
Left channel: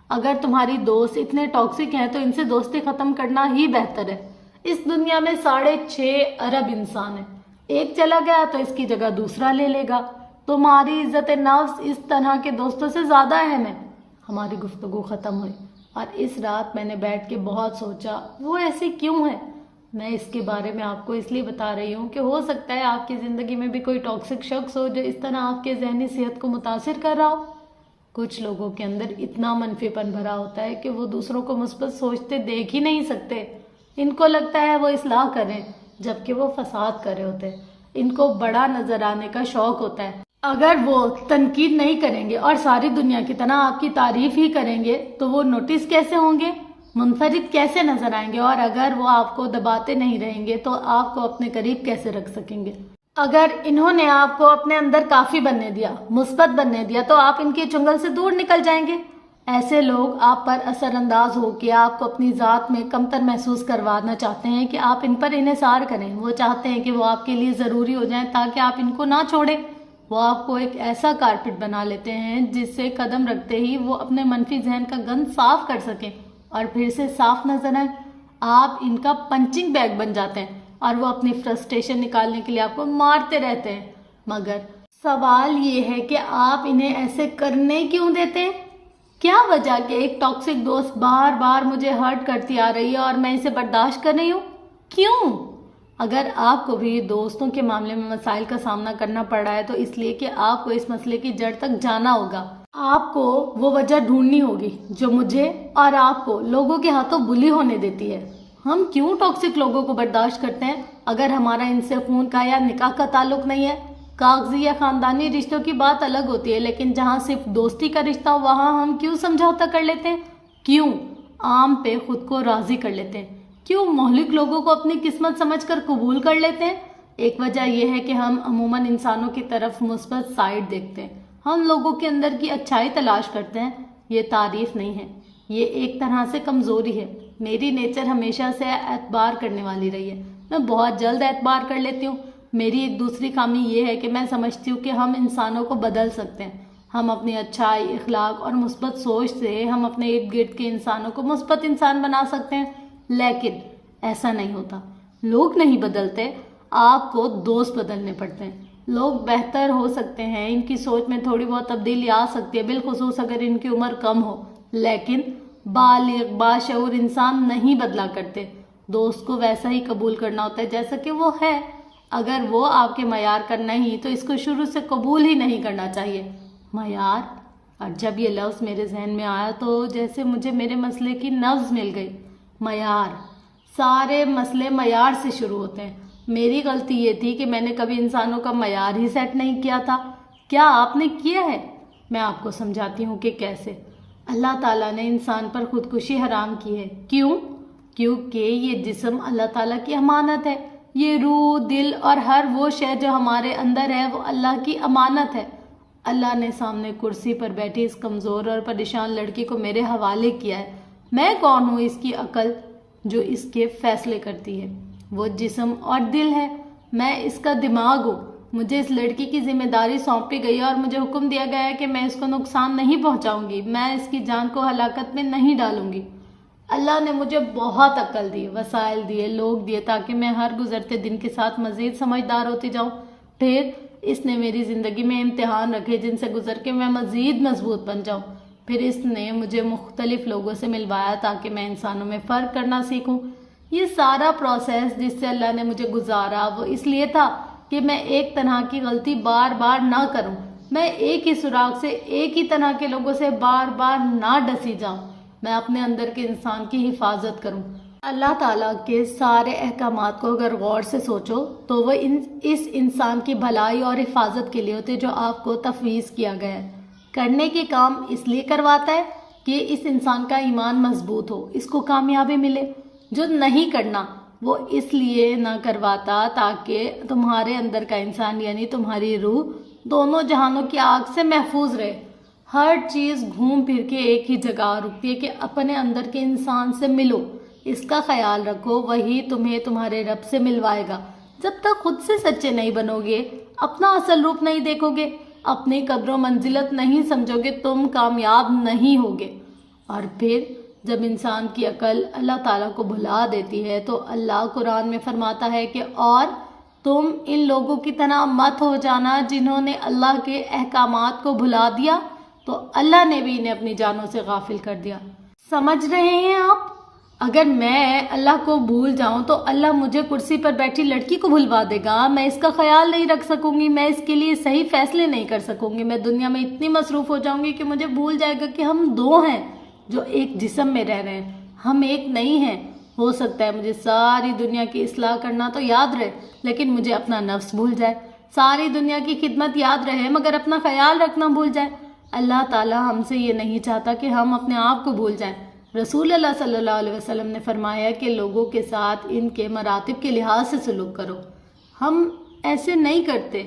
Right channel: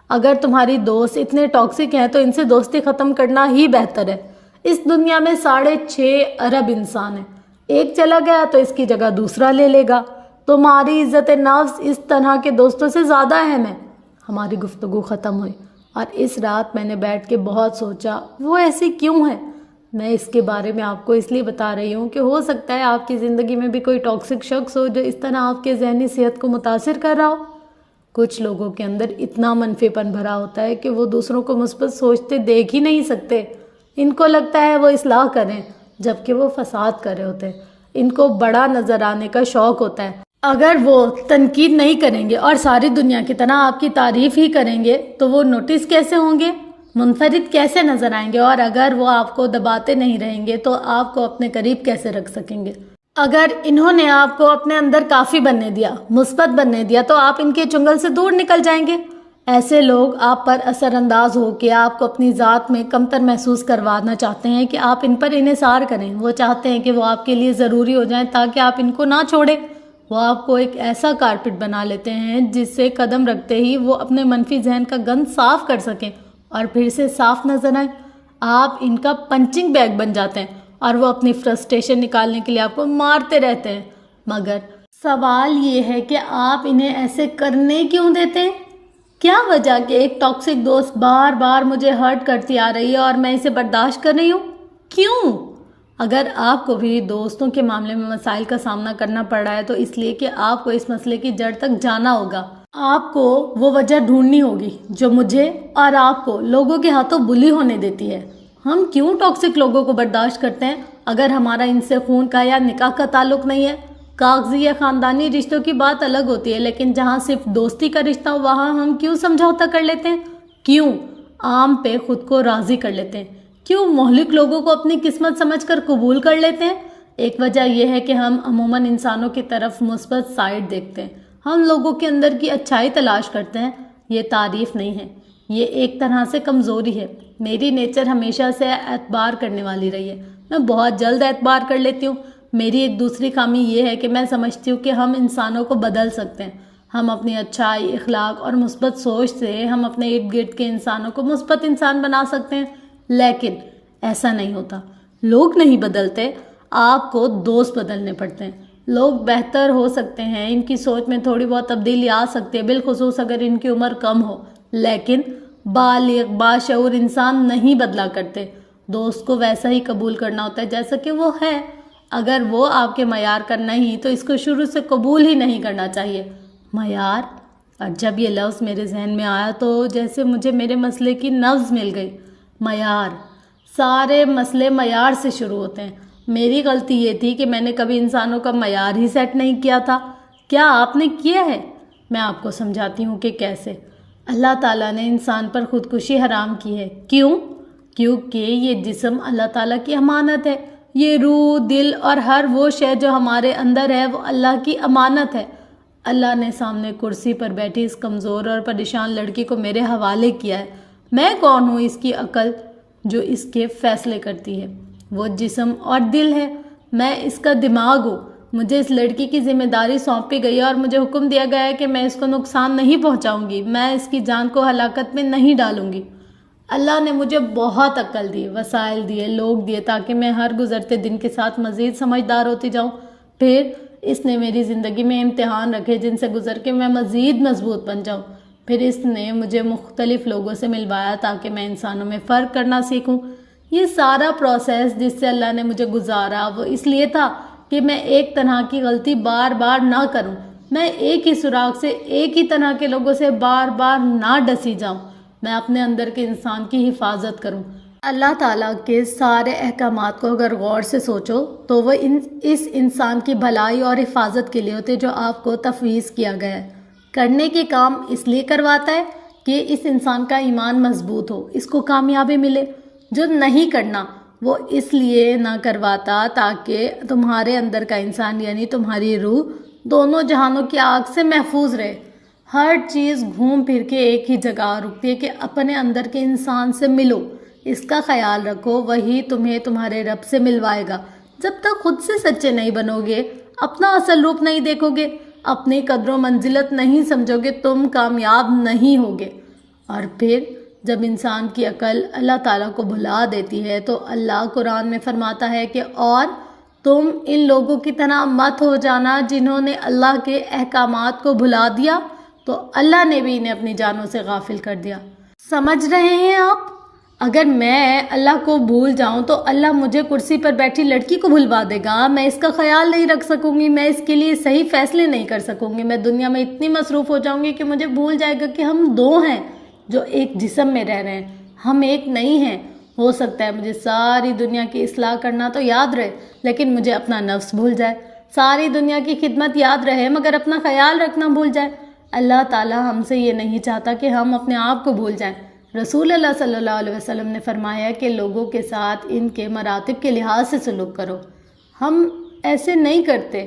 اگر تمہاری دوست اتنے ٹاکسک ہیں تو ان سے دوستی ختم کرنا ہی بہتر ہے۔ اس دنیا میں 6.5 ارب انسان ہیں، ایک چلا گیا تو اس کی جگہ دوسرا لے لے گا۔ تمہاری عزت نفس اس طرح کے دوستوں سے زیادہ اہم ہے۔ ہماری گفتگو ختم ہوئی اور اس رات میں نے بیٹھ کے بہت سوچا، وہ ایسی کیوں ہے؟ میں اس کے بارے میں آپ کو اس لیے بتا رہی ہوں کہ ہو سکتا ہے آپ کی زندگی میں بھی کوئی ٹاکسک شخص ہو جو اس طرح آپ کے ذہنی صحت کو متاثر کر رہا ہو۔ کچھ لوگوں کے اندر اتنا منفی پن بھرا ہوتا ہے کہ وہ دوسروں کو مثبت سوچتے دیکھ ہی نہیں سکتے۔ ان کو لگتا ہے وہ اصلاح کریں جبکہ وہ فساد کر رہے ہوتے ہیں۔ ان کو بڑا نظر آنے کا شوق ہوتا ہے۔ اگر وہ تنقید نہیں کریں گے اور ساری دنیا کی طرح آپ کی تعریف ہی کریں گے تو وہ نوٹس کیسے ہوں گے، منفرد کیسے نظر آئیں گے؟ اور اگر وہ آپ کو دباتے نہیں رہیں گے تو آپ کو اپنے قریب کیسے رکھ سکیں گے؟ اگر انہوں نے آپ کو اپنے اندر کافی بننے دیا، مثبت بننے دیا، تو آپ ان کے چنگل سے دور نکل جائیں گے۔ ایسے لوگ آپ پر اثر انداز ہو کے آپ کو اپنی ذات میں کمتر محسوس کروانا چاہتے ہیں کہ آپ ان پر انحصار کریں. وہ چاہتے ہیں کہ وہ آپ کے لیے ضروری ہو جائیں تاکہ آپ ان کو نہ چھوڑیں. وہ آپ کو ایک ایسا کارپٹ بنا لیتے ہیں جس سے قدم رکھتے ہی وہ اپنے منفی ذہن کا گند صاف کر سکیں اور پھر سے صاف نظر آئیں. آپ ان کا پنچنگ بیگ بن جاتے ہیں اور وہ اپنی فرسٹریشن نکالنے کے لیے آپ کو مارتے رہتے ہیں. مگر سوال یہ ہے کہ آپ انہیں ایسے کرنے کیوں دیتے ہیں؟ کیا وجہ کہ ایک ٹاکسک دوست بار بار مجھے ہرٹ کرتی آ رہی ہے اور میں اسے برداشت کر رہی ہوں؟ کیوں؟ اگر آپ کو بھی دوستوں کے معاملے میں مسائل کا سامنا کرنا پڑ رہا ہے تو اس لیے کہ آپ کو اس مسئلے کی جڑ تک جانا ہوگا. آپ کو وہ وجہ ڈھونڈنی ہوگی جو مجھے اور آپ کو لوگوں کے ہاتھوں بلی ہونے دیتی ہے. ہم کیوں ٹاکسک لوگوں کو برداشت کرتے ہیں اگر ہمارا ان سے خون کا یا نکاح کا تعلق نہیں ہے؟ کاغذی یا خاندانی رشتوں کی بات الگ ہوتی ہے، لیکن جہاں صرف دوستی کا رشتہ ہو وہاں ہم کیوں سمجھوتا کر لیتے ہیں؟ کیوں عام پہ خود کو راضی کر لیتے ہیں؟ کیوں مہلک لوگوں کو اپنی قسمت سمجھ کر قبول کر لیتے ہیں؟ ایک وجہ یہ ہے کہ ہم عموماً انسانوں کی طرف مثبت سائڈ دیکھتے ہیں. ہم لوگوں کے اندر کی اچھائی تلاش کرتے ہیں. یہ تعریف نہیں ہے، یہ ایک طرح سے کمزوری ہے. میری نیچر ہمیشہ سے اعتبار کرنے والی رہی ہے. میں بہت جلد اعتبار کر لیتی ہوں. میری ایک دوسری خامی یہ ہے کہ میں سمجھتی ہوں کہ ہم انسانوں کو بدل سکتے ہیں. ہم اپنی اچھائی، اخلاق اور مثبت سوچ سے ہم اپنے ارد گرد کے انسانوں کو مثبت انسان بنا سکتے ہیں. لیکن ایسا نہیں ہوتا. لوگ نہیں بدلتے، آپ کو دوست بدلنے پڑتے ہیں. لوگ بہتر ہو سکتے ہیں، ان کی سوچ میں تھوڑی بہت تبدیلی آ سکتی ہے، بالخصوص اگر ان کی عمر کم ہو. لیکن بالغ باشعور انسان نہیں بدلا کرتے. دوست کو ویسا ہی قبول کرنا ہوتا ہے جیسا کہ وہ ہے. اگر وہ آپ کے معیار کا نہیں تو اس کو شروع سے قبول ہی نہیں کرنا چاہیے. معیار، اور جب یہ لفظ میرے ذہن میں آیا تو جیسے مجھے میرے مسئلے کی نبض مل گئی. معیار، سارے مسئلے معیار سے شروع ہوتے ہیں. میری غلطی یہ تھی کہ میں نے کبھی انسانوں کا معیار ہی سیٹ نہیں کیا تھا. کیا آپ نے کیا ہے؟ میں آپ کو سمجھاتی ہوں کہ کیسے. اللہ تعالیٰ نے انسان پر خودکشی حرام کی ہے. کیوں؟ کیونکہ یہ جسم اللہ تعالیٰ کی امانت ہے. یہ روح، دل اور ہر وہ شے جو ہمارے اندر ہے وہ اللہ کی امانت ہے. اللہ نے سامنے کرسی پر بیٹھی اس کمزور اور پریشان لڑکی کو میرے حوالے کیا ہے. میں کون ہوں اس کی عقل جو اس کے فیصلے کرتی ہے؟ وہ جسم اور دل ہے، میں اس کا دماغ ہوں. مجھے اس لڑکی کی ذمہ داری سونپی گئی ہے اور مجھے حکم دیا گیا ہے کہ میں اس کو نقصان نہیں پہنچاؤں گی، میں اس کی جان کو ہلاکت میں نہیں ڈالوں گی. اللہ نے مجھے بہت عقل دی، وسائل دیے، لوگ دیے تاکہ میں ہر گزرتے دن کے ساتھ مزید سمجھدار ہوتی جاؤں. پھر اس نے میری زندگی میں امتحان رکھے جن سے گزر کے میں مزید مضبوط بن جاؤں. پھر اس نے مجھے مختلف لوگوں سے ملوایا تاکہ میں انسانوں میں فرق کرنا سیکھوں. یہ سارا پروسیس جس سے اللہ نے مجھے گزارا وہ اس لیے تھا کہ میں ایک طرح کی غلطی بار بار نہ کروں. میں ایک ہی سراغ سے ایک ہی طرح کے لوگوں سے بار بار نہ ڈسی جاؤں. میں اپنے اندر کے انسان کی حفاظت کروں. اللہ تعالیٰ کے سارے احکامات کو اگر غور سے سوچو تو وہ اس انسان کی بھلائی اور حفاظت کے لیے ہوتے جو آپ کو تفویض کیا گیا ہے. کرنے کے کام اس لیے کرواتا ہے کہ اس انسان کا ایمان مضبوط ہو، اس کو کامیابی ملے. جو نہیں کرنا وہ اس لیے نہ کرواتا تاکہ تمہارے اندر کا انسان یعنی تمہاری روح دونوں جہانوں کی آگ سے محفوظ رہے. ہر چیز گھوم پھر کے ایک ہی جگہ رکتی ہے کہ اپنے اندر کے انسان سے ملو، اس کا خیال رکھو، وہی تمہیں تمہارے رب سے ملوائے گا. جب تک خود سے سچے نہیں بنو گے، اپنا اصل روپ نہیں دیکھو گے، اپنی قدر و منزلت نہیں سمجھو گے، تم کامیاب نہیں ہوگے. اور پھر جب انسان کی عقل اللہ تعالیٰ کو بھلا دیتی ہے تو اللہ قرآن میں فرماتا ہے کہ اور تم ان لوگوں کی طرح مت ہو جانا جنہوں نے اللہ کے احکامات کو بھلا دیا تو اللہ نے بھی انہیں اپنی جانوں سے غافل کر دیا. سمجھ رہے ہیں آپ؟ اگر میں اللہ کو بھول جاؤں تو اللہ مجھے کرسی پر بیٹھی لڑکی کو بھلوا دے گا. میں اس کا خیال نہیں رکھ سکوں گی، میں اس کے لیے صحیح فیصلے نہیں کر سکوں گی. میں دنیا میں اتنی مصروف ہو جاؤں گی کہ مجھے بھول جائے گا کہ ہم دو ہیں جو ایک جسم میں رہ رہے ہیں، ہم ایک نہیں ہیں. ہو سکتا ہے مجھے ساری دنیا کی اصلاح کرنا تو یاد رہے لیکن مجھے اپنا نفس بھول جائے. ساری دنیا کی خدمت یاد رہے مگر اپنا خیال رکھنا بھول جائے. اللہ تعالیٰ ہم سے یہ نہیں چاہتا کہ ہم اپنے آپ کو بھول جائیں. رسول اللہ صلی اللہ علیہ وسلم نے فرمایا کہ لوگوں کے ساتھ ان کے مراتب کے لحاظ سے سلوک کرو. ہم ایسے نہیں کرتے.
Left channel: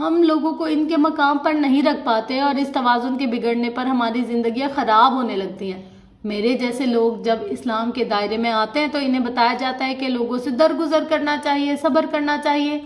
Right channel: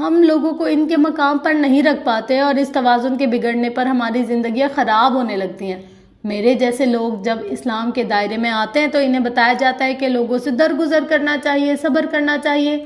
ہم لوگوں کو ان کے مقام پر نہیں رکھ پاتے اور اس توازن کے بگڑنے پر ہماری زندگیاں خراب ہونے لگتی ہیں۔ میرے جیسے لوگ جب اسلام کے دائرے میں آتے ہیں تو انہیں بتایا جاتا ہے کہ لوگوں سے درگزر کرنا چاہیے، صبر کرنا چاہیے۔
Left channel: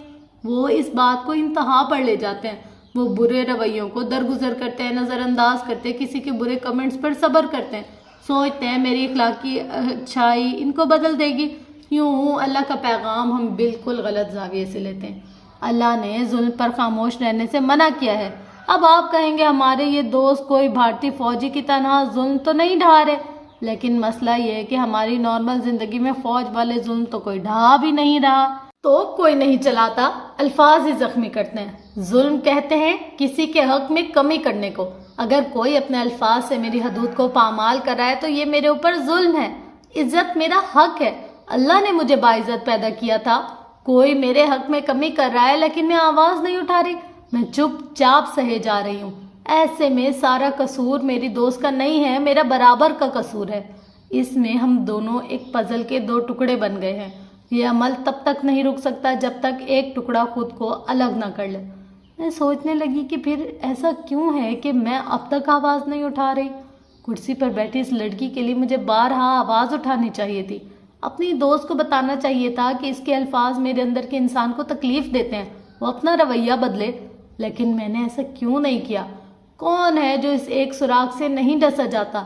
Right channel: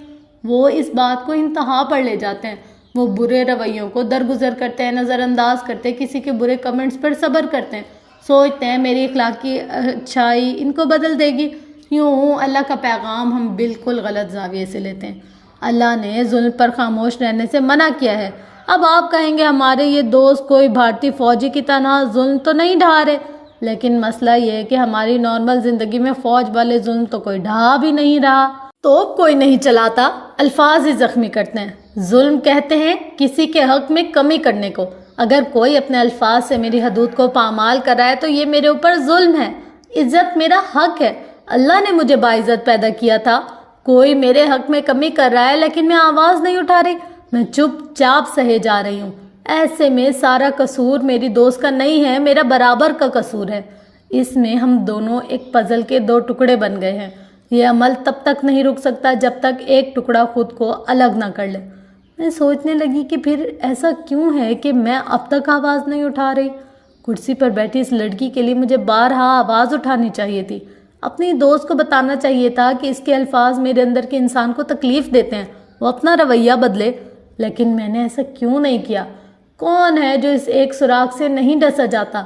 وہ اس بات کو انتہا پر لے جاتے ہیں، وہ برے رویوں کو درگزر کرتے ہیں، نظر انداز کرتے ہیں، کسی کے برے کمنٹس پر صبر کرتے ہیں، سوچتے ہیں میری اخلاقی اچھائی ان کو بدل دے گی۔ یوں اللہ کا پیغام ہم بالکل غلط زاویے سے لیتے ہیں۔ اللہ نے ظلم پر خاموش رہنے سے منع کیا ہے۔ اب آپ کہیں گے ہمارے یہ دوست کوئی بھارتی فوجی کی طرح ظلم تو نہیں ڈھا رہے، لیکن مسئلہ یہ ہے کہ ہماری نارمل زندگی میں فوج والے ظلم تو کوئی ڈھا بھی نہیں رہا، تو کوئی نہیں چلاتا، الفاظ ہی زخمی کرتے ہیں۔ ظلم کہتے ہیں کسی کے حق میں کمی کرنے کو۔ اگر کوئی اپنے الفاظ سے میری حدود کو پامال کر رہا ہے تو یہ میرے اوپر ظلم ہے۔ عزت میرا حق ہے، اللہ نے مجھے باعزت پیدا کیا تھا۔ کوئی میرے حق میں کمی کر رہا ہے لیکن میں آواز نہیں اٹھا رہی، میں چپ چاپ سہے جا رہی ہوں۔ ایسے میں سارا قصور میری دوست کا نہیں ہے، میرا برابر کا قصور ہے۔ اس میں ہم دونوں ایک پزل کے دو ٹکڑے بن گئے ہیں۔ یہ عمل تب تک نہیں رک سکتا جب تک ایک ٹکڑا خود کو الگ نہ کر لے۔ میں سوچنے لگی کہ پھر ایسا کیوں ہے کہ میں اب تک آواز نہیں اٹھا رہی۔ کرسی پر بیٹھی اس لڑکی کے لیے مجھے بارہا آواز اٹھانی چاہیے تھی، اپنی دوست کو بتانا چاہیے تھا کہ اس کے الفاظ میرے اندر کے انسان کو تکلیف دیتے ہیں، وہ اپنا رویہ بدلے، لیکن میں نے ایسا کیوں نہیں کیا۔ کون ہے جو اس ایک سراغ سے نہیں ڈسا جاتا؟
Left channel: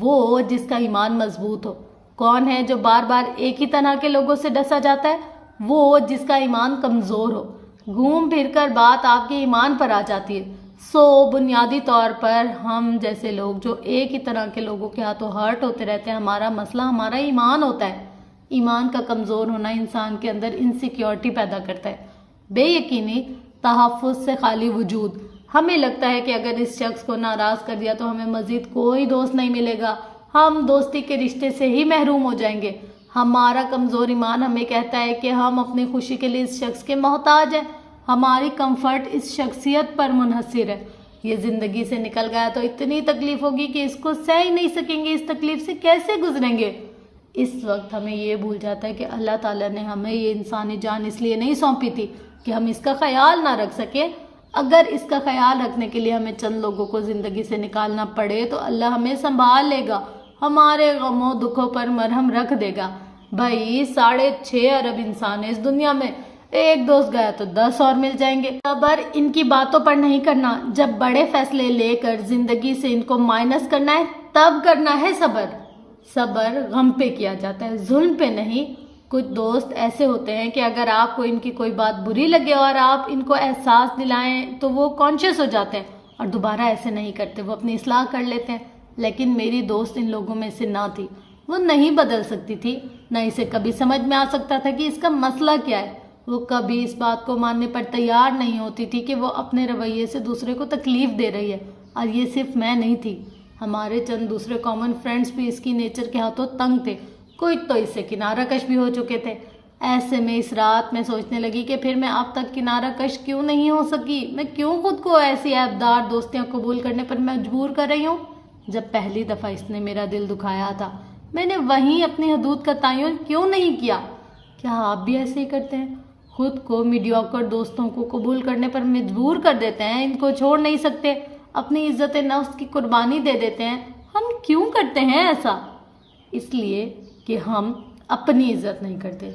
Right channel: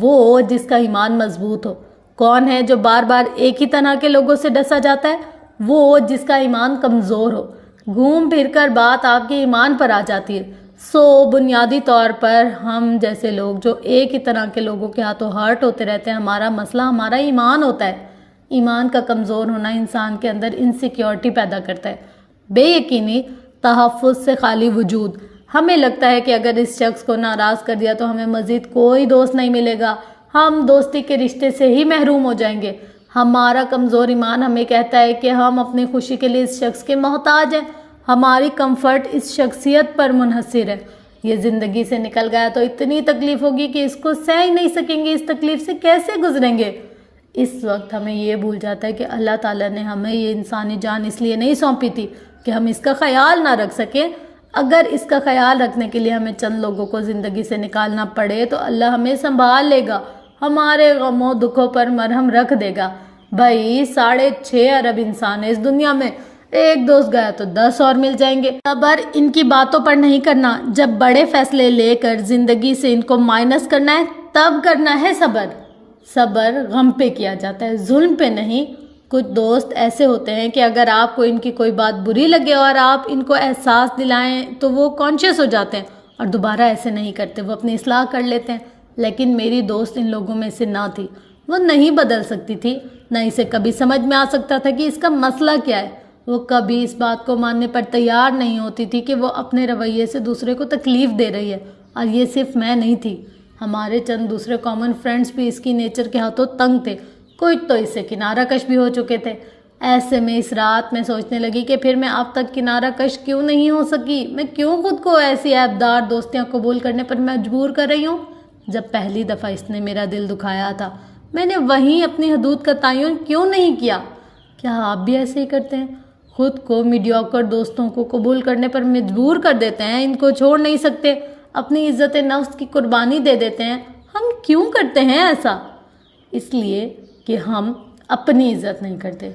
وہ جس کا ایمان مضبوط ہو۔ کون ہے جو بار بار ایک ہی طرح کے لوگوں سے ڈسا جاتا ہے؟ وہ جس کا ایمان کمزور ہو۔ گھوم پھر کر بات آپ کے ایمان پر آ جاتی ہے۔ بنیادی طور پر ہم جیسے لوگ جو ایک ہی طرح کے لوگوں کے ہاتھوں ہرٹ ہوتے رہتے ہیں، ہمارا مسئلہ ہمارا ایمان ہوتا ہے۔ ایمان کا کمزور ہونا انسان کے اندر انسیکیورٹی پیدا کرتا ہے، بے یقینی، تحفظ سے خالی وجود۔ ہمیں لگتا ہے کہ اگر اس شخص کو ناراض کر دیا تو ہمیں مزید کوئی دوست نہیں ملے گا، ہم دوستی کے رشتے سے ہی محروم ہو جائیں گے۔ ہمارا کمزور ایمان ہمیں کہتا ہے کہ ہم اپنی خوشی کے لیے اس شخص کے محتاج ہیں، ہماری کمفرٹ اس شخصیت پر منحصر ہے۔ یہ زندگی سے نکل گیا تو اتنی تکلیف ہوگی کہ اس کو سہ ہی نہیں سکیں گے، اس تکلیف سے کیسے گزریں گے؟ اس وقت ہمیں یہ بھول جاتا ہے کہ اللہ تعالیٰ نے ہمیں یہ انسانی جان اس لیے نہیں سونپی تھی کہ ہم اس کا خیال نہ رکھ سکیں۔ اگر اس کا خیال رکھنے کے لیے ہمیں چند لوگوں کو زندگی سے نکالنا پڑے تو اللہ ہمیں سنبھال لے گا، ہمارے غموں دکھوں پر مرہم رکھ دے گا۔ بھائی 6.5 ارب انسان ہے اس دنیا میں، ایک دوست گیا تو 10 اور مل جائیں گے۔ صبر ان کی باتوں پر نہیں کرنا، جب بڑے فیصلے لے کر زندگی سے ان کو مائنس کرنا ہے تب کرنا ہے صبر۔ صبر غم پہ کیا جاتا ہے، ظلم پہ نہیں۔ کچھ دوست ایسے ہوتے ہیں کہ اگر آپ کو ان کی کوئی بات بری لگے اور آپ ان کو احساس دلائیں تو وہ کانشیس ہو جاتے ہیں اور دوبارہ ایسے نہیں کرتے، وہ اپنی اصلاح کر لیتے ہیں۔ لیکن میری دوست ان لوگوں میں سے نہ تھی، وہ نہیں بدل سکتی تھی، نہ اسے کبھی سمجھ میں آ سکتا تھا کہ اس کا مسئلہ کیا ہے۔ وہ کبھی اس بات کو ماننے پر تیار نہیں ہوتی تھی کہ وہ اپنے رویے سے دوسرے کو تکلیف دے رہی ہے، اور یہ صرف میں نہیں تھی، ہمارے چند دوسرے کامن فرینڈز بھی اس کی نیچر کے ہاتھوں تنگ تھے، کچھ تو اس سے کنارہ کش بھی ہو چکے تھے۔ ایسے میں اس رات میں سوچنے لگی کہ پھر میں اب تک کنارہ کش کیوں نہیں ہو سکی، میں کیوں خود کو ایسی عیبدار دوستیاں قبول کرنے پر مجبور کر رہی ہوں۔ جب پہلی دفعہ اس نے میرا دل دکھایا تھا میں نے وہیں اپنی حدود کا تعین کیوں نہیں کیا؟ کیا آپ بھی ایسے ہی کرتے ہیں؟ خود کو میڈیوکر دوستوں کو قبول کرنے پر مجبور کر دیتے ہیں، ان کو چھوڑ نہیں سکتے، اپنی عزت نفس کی قربانی دے دیتے ہیں۔ ہم کیوں کرتے ہیں ایسا؟ اس لیے کہ ہم اپنی عزت نہیں کرتے۔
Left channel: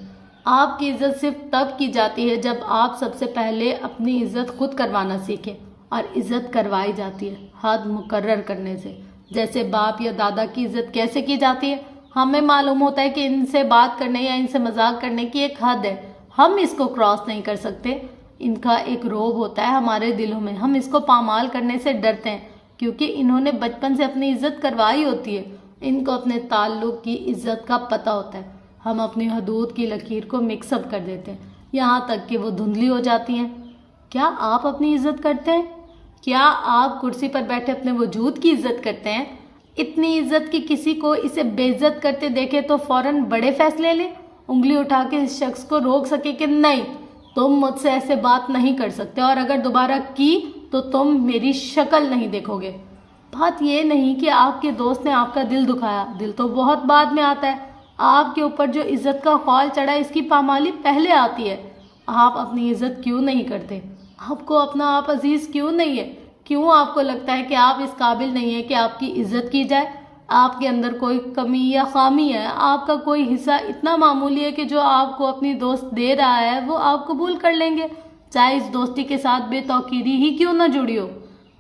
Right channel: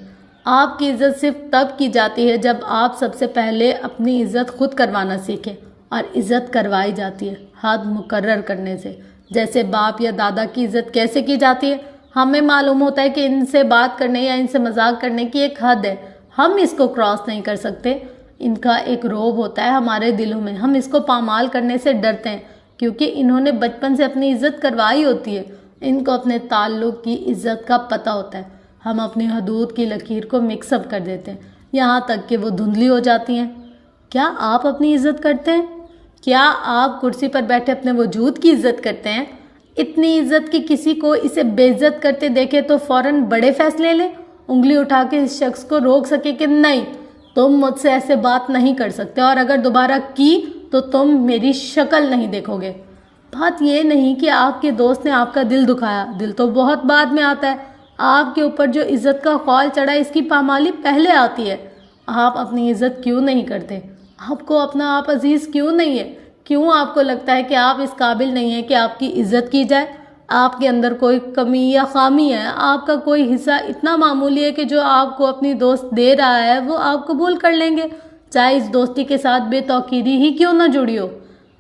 آپ کی عزت صرف تب کی جاتی ہے جب آپ سب سے پہلے اپنی عزت خود کروانا سیکھیں، اور عزت کروائی جاتی ہے حد مقرر کرنے سے۔ جیسے باپ یا دادا کی عزت کیسے کی جاتی ہے؟ ہمیں معلوم ہوتا ہے کہ ان سے بات کرنے یا ان سے مذاق کرنے کی ایک حد ہے، ہم اس کو کراس نہیں کر سکتے۔ ان کا ایک روب ہوتا ہے ہمارے دلوں میں، ہم اس کو پامال کرنے سے ڈرتے ہیں کیونکہ انہوں نے بچپن سے اپنی عزت کروائی ہوتی ہے، ان کو اپنے تعلق کی عزت کا پتہ ہوتا ہے۔ ہم اپنی حدود کی لکیر کو مکس اپ کر دیتے ہیں یہاں تک کہ وہ دھندلی ہو جاتی ہیں۔ کیا آپ اپنی عزت کرتے ہیں؟ کیا آپ کرسی پر بیٹھے اپنے وجود کی عزت کرتے ہیں؟ اتنی عزت کی کسی کو اسے بے عزت کرتے دیکھے تو فوراً بڑے فیصلے لیں، انگلی اٹھا کے اس شخص کو روک سکے کہ نہیں تم مجھ سے ایسے بات نہیں کر سکتے، اور اگر دوبارہ کی تو تم میری شکل نہیں دیکھو گے۔ بات یہ نہیں کہ آپ کے دوست نے آپ کا دل دکھایا، دل تو بہت بعد میں آتا ہے۔ آپ کے اوپر جو عزت کا خول چڑھا اس کی پامالی پہلے آتی ہے۔ آپ اپنی عزت کیوں نہیں کرتے؟ آپ کو اپنا آپ عزیز کیوں نہیں ہے؟ کیوں آپ کو لگتا ہے کہ آپ اس قابل نہیں ہیں کہ آپ کی عزت کی جائے؟ آپ کے اندر کوئی کمی یا خامی ہے، آپ کا کوئی حصہ اتنا معمولی ہے کہ جو آپ کو اپنی دوست دے رہا ہے وہ آپ قبول کر لیں گے، چاہے اس دوستی کے ساتھ بے توقیری ہی کیوں نہ جڑی ہو۔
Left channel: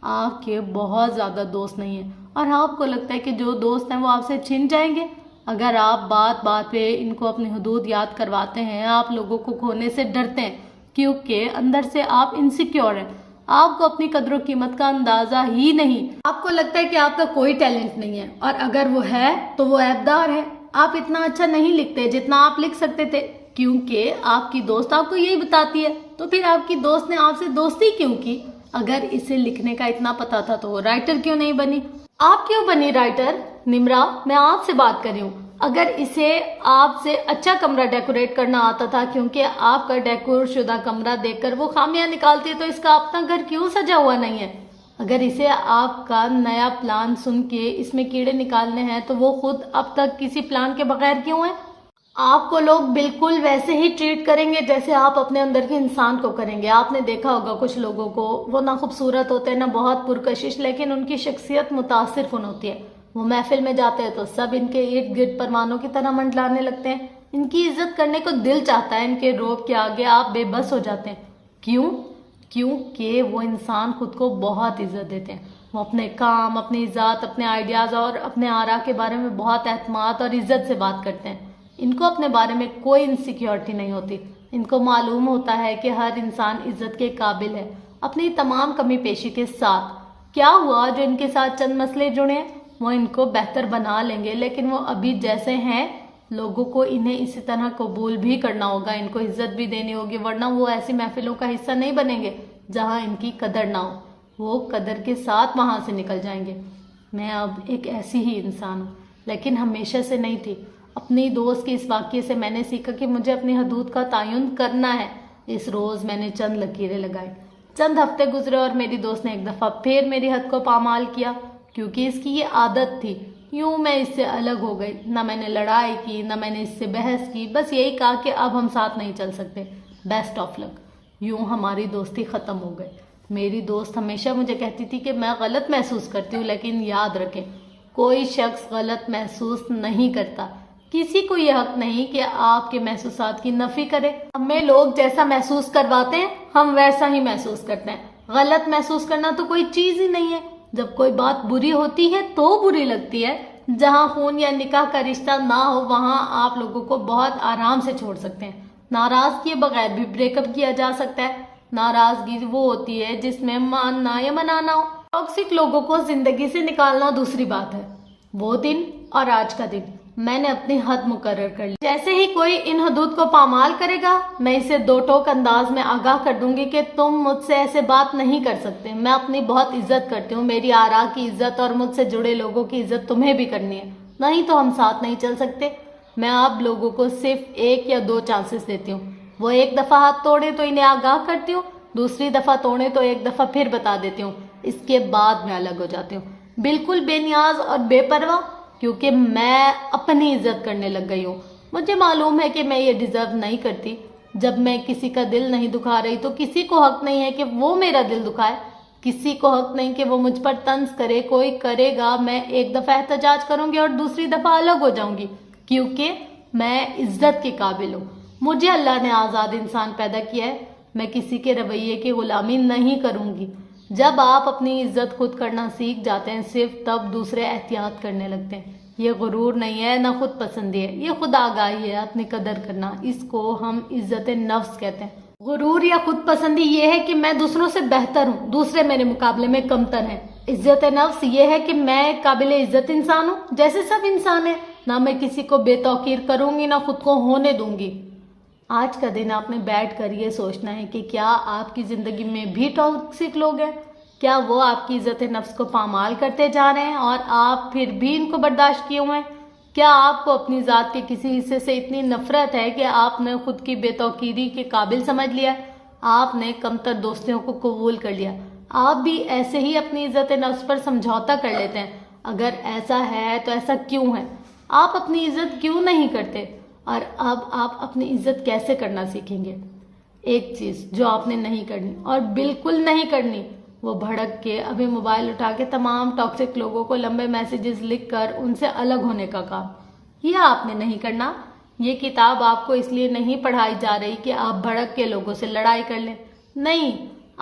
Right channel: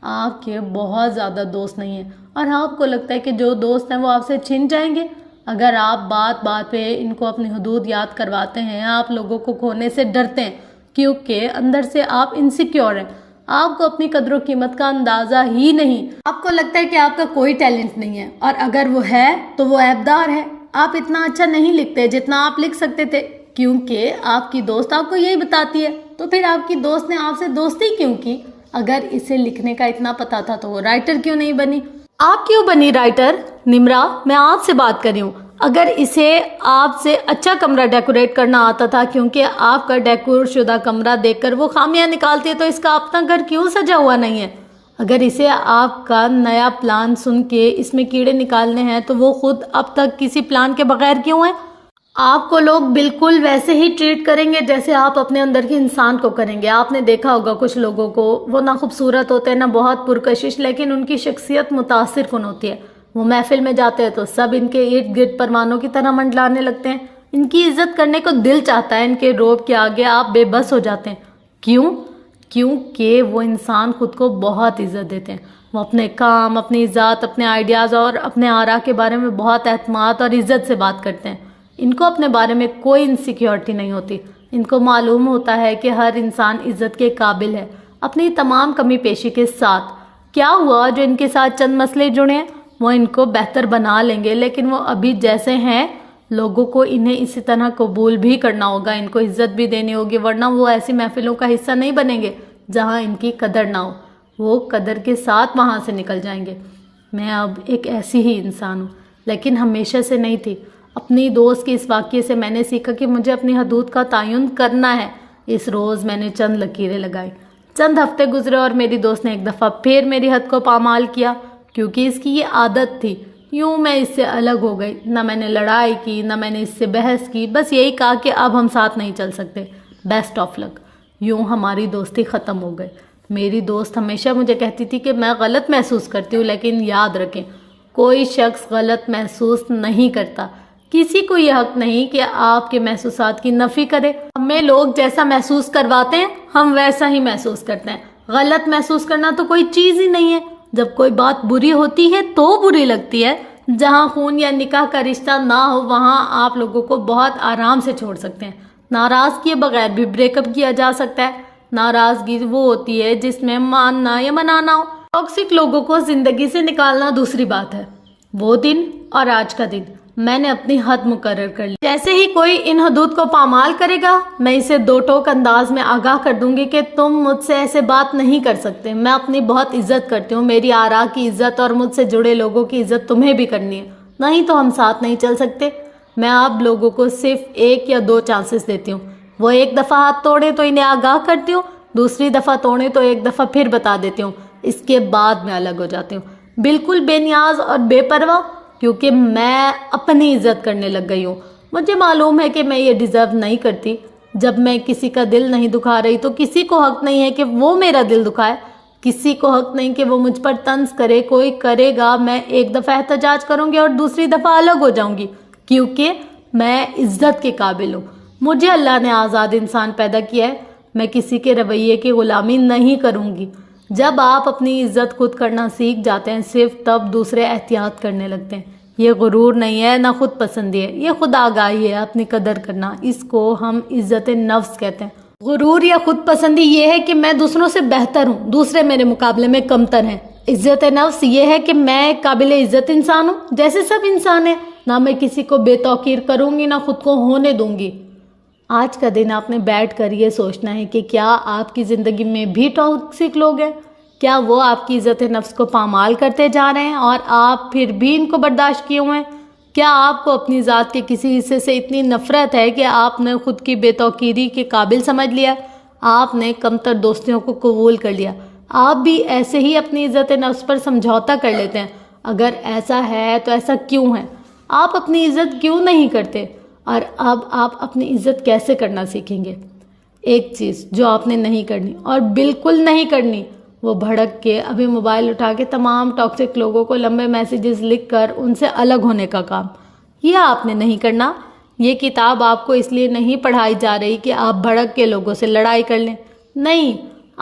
آپ کے بہت زیادہ دوست نہیں ہیں اور آپ کو لگتا ہے کہ جو دوست ہیں وہ آپ سے چھن جائیں گے۔ اگر آپ بات بات پہ ان کو اپنی حدود یاد کرواتے ہیں، آپ لوگوں کو کھونے سے ڈرتے ہیں کیونکہ اندر سے آپ انسیکیور ہیں، آپ کو اپنی قدر و قیمت کا اندازہ ہی نہیں، آپ کو لگتا ہے کہ آپ کا کوئی ٹیلنٹ نہیں ہے، اور اگر وہ ہے تو وہ عیبدار ہے۔ آپ اتنا اچھا نہیں لکھتے جتنا آپ لکھ سکتے تھے، کیونکہ آپ کی دوست آپ کو یہی بتاتی ہے۔ تو پھر آپ کی دوست نے آپ سے دوستی کیوں کی؟ اگر اسے لکھنے کا اتنا پتا تھا تو وہ رائٹر کیوں نہیں بنی؟ آپ کیوں بنی رائٹر؟ نمرا، میں آپ سے بات کر رہی ہوں۔ اگر اسے آپ سے اچھا کمرہ ڈیکوریٹ کرنا آتا تھا، کیونکہ آپ کا ڈیکور شدہ کمرہ دیکھ کر وہ خامیاں نکالتی ہے، تو اس کا اپنا گھر کیوں سجا ہوا نہیں ہے؟ اگر اسے آپ کا نیا پلان سن کے اس میں کیڑے نکالنے ہیں تو وہ خود اب تک کسی پلان کے بغیر کیوں ہے؟ آپ کو لوگ بالکل ویسے ہی ٹریٹ کریں گے جیسے آپ اپنے اندر کے انسان کو کریں گے۔ آپ نے دیکھا ہوگا کچھ لوگوں کو، وہ نہ خوبصورت ہوتے ہیں نہ بہت پرکشش، لیکن ان کی شخصیت متاثر کن ہوتی ہے۔ وہ محفل میں جاتے ہیں تو سب ان کے ارد گرد پروانوں کی طرح منڈلانے لگتے ہیں، ان کی عزت کرنے کو دل چاہتا ہے، ان کے روب کے آگے آپ بے بس ہو جاتے ہیں۔ کیوں؟ کیونکہ وہ انسان خود کو بہت عزت دیتے ہیں، وہ اپنے کام، اپنی ذات، اپنے آئیڈیاز اور اپنے آراء کے بارے میں بہت اعتماد اور عزت سے بات کرتے ہیں۔ ان کو اپنے بارے میں کوئی انسیکیورٹی نہیں ہوتی، ان کو معلوم ہوتا ہے کہ ہر انسان عزت کے قابل ہے، اپنی تمام کمی پیشی کے ساتھ۔ کیا ہوا جو ان کے ساتھ چند مسئلے جڑے ہیں وہ ان کو بہتر بنا لیں گے، لیکن وہ ابھی جیسے ہیں لوگوں کو انہیں اسی طرح قبول بھی کرنا ہوگا، ان کو عزت بھی دینی ہوگی، ورنہ وہ ایسی محفلوں کا حصہ نہیں بنیں گے جہاں ان کی قدر نہ ہو، وہ قدر کے ساتھ وہاں سے نکل جائیں گے۔ میں اب ایک ایسی ہی انسان ہوں، لیکن ہمیشہ سے نہیں تھی۔ اپنی دوست کے اس واقعے سے میں نے سیکھا کہ مجھے اپنی حدود کا تعین کرنا ہے۔ اس روز میں نے چند لکیریں لگائی۔ چند ہفتے گزرے اور میری دوست نے ایک دفعہ پھر میری حد کو پامال کیا، کیونکہ اس کی یہ عادت تھی۔ یوں میں اس سے الگ ہو گئی، نہ میں نے لڑائی کی، نہ میں نے اس سے بحث کی، بس یہی کہا کہ اب ہم ساتھ نہیں چل سکتے، بیسٹ آف لک۔ یوں ہماری دوستی ختم ہو گئی۔ میری دوست ہمیشہ مجھے کہتی تھی کہ میں غلط محسوس کرتی ہوں، لیکن یاد رکھیں کوئی شخص غلط محسوس نہیں کرتا، کسی کو یہ حق نہیں کہ آپ کے محسوسات کی نفی کرے۔ ہمیں لوگ جیسا محسوس کرواتے ہیں ہم ویسا ہی محسوس کرتے ہیں۔ غلط محسوس کرنا تو کوئی چیز ہی نہیں ہے۔ جب کوئی بات بری ہوتی ہے تو بری لگتی ہے۔ جہاں خون یا نکاح کا رشتہ نہ ہو وہاں آپ لوگوں کو بہت آرام سے چھوڑ سکتے ہیں، ناراض کیے بغیر بھی بریک اپ کیا جا سکتا ہے۔ ناراضگی وہ ہوتی ہے جس میں ماننا یا منانا ہو۔ ٹاکسک لوگوں کو زندگی سے نکالنا دوسری بات ہے۔ وہ دن اور آج کا دن میں نے اپنی حد مقرر کر لی۔ جیسے ہی کوئی ان حدود کو پامال کرے گا میں اسے دو ٹوک انداز میں آگاہ کر دوں گی کہ تم مجھ سے ایسے بات نہیں کر سکتے۔ میں اپنی بہت عزت کرتی ہوں، میری آراء کی عزت اور مجھ سے جڑے لوگوں کی عزت تمہیں بھی کرنی ہے، نہیں تو ہم ساتھ نہیں چل سکتے۔ میں اب لوگوں کو صرف ایک یا دو چانسز دیتی ہوں، وہ ایک دفعہ ہاتھ توڑے تو انہیں آگاہ کرتی ہوں، دوسری دفعہ توڑے تو ایک دفعہ پھر بتا دیتی ہوں، اس کے بعد میں الگ ہو جاتی ہوں، بالکل بے نیاز اور بے پرواہ، کیونکہ میں اپنی عزت کرنے لگ گئی ہوں۔ مجھے معلوم ہے کہ میں یہ ڈیزرو نہیں کرتی۔ جب میں کسی کا دل نہیں دکھا رہی تو کسی کو حق نہیں ہے کہ وہ میرا دل دکھائے، کسی کو حق نہیں کہ وہ مجھ پر طنز کرے۔ کوئی کرے گا میں ایک دفعہ احتجاج کروں گی اور دوسری دفعہ الگ ہو جاؤں گی، کیونکہ میں عزت کے قابل ہوں۔ مجھے اللہ نے آزاد انسان پیدا کیا ہے، میں کسی کے رویے کی غلامی نہیں کروں گی۔ جب آپ اپنی عزت خود کرنا سیکھ جاتے ہیں صرف تب دوسرے احتیاط کرنے لگتے ہیں۔ یہ غرور نہیں ہے، نہ خود پسندی ہے، یہ خود آگاہی ہے، اپنی قدر کرنا۔ اس کو ہم عزت نفس کہتے ہیں۔ غرور یا خود پسندی یہ ہے کہ میں دوسروں سے بہتر ہوں، دوسرے میرے مقابلے میں کمتر ہیں۔ عزت نفس یہ ہے کہ میں قابل عزت انسان ہوں جیسے سب انسان ہیں، نہ میں کسی کو بے توقیر کروں گی نہ خود کو ہونے دوں گی۔ آج کا دن آپ نے بیٹھ کر یہ سوچنا ہے کہ کیا آپ کی زندگی میں بھی ٹاکسک لوگ ہیں؟ کیا وہ آپ کی عزت نفس کو پامال کرتے جا رہے ہیں اور آپ پھر بھی ان کو برداشت کیے ہوئے ہیں؟ کیا آپ کو اپنی ذات کے کسی حصے سے اتنی نفرت ہے کہ آپ نے خود کی بے توقیری کے قابل سمجھ لیا؟ آپ نے کمتر دوستیوں کو قبول کر لیا؟ آپ بھی ایسے ہی اپنی عزت نفس پر سمجھوتا کر لیتے ہیں؟ اگر ایسا ہے تو ایسا کیوں ہے؟ آپ اپنی عزت کیوں نہیں کرتے؟ اور اب آپ اپنی عزت کیسے کرنا سیکھیں گے؟ ایک چیز جو آپ نے نہیں کرنی اور بالکل نہیں کرنی، وہ بھڑک کے ابھی موبائل اٹھا کے تمام ٹاکسک لوگوں کو لمبے میسیجز لکھ کر ان سے الگ ہونے کا کام، یہ آپ نے نہیں کرنا۔ یہ کتاب آپ کو اس لیے نہیں پڑھائی جا رہی کہ آپ بھڑک کے لوگوں سے لڑائی کر لیں، نہیں،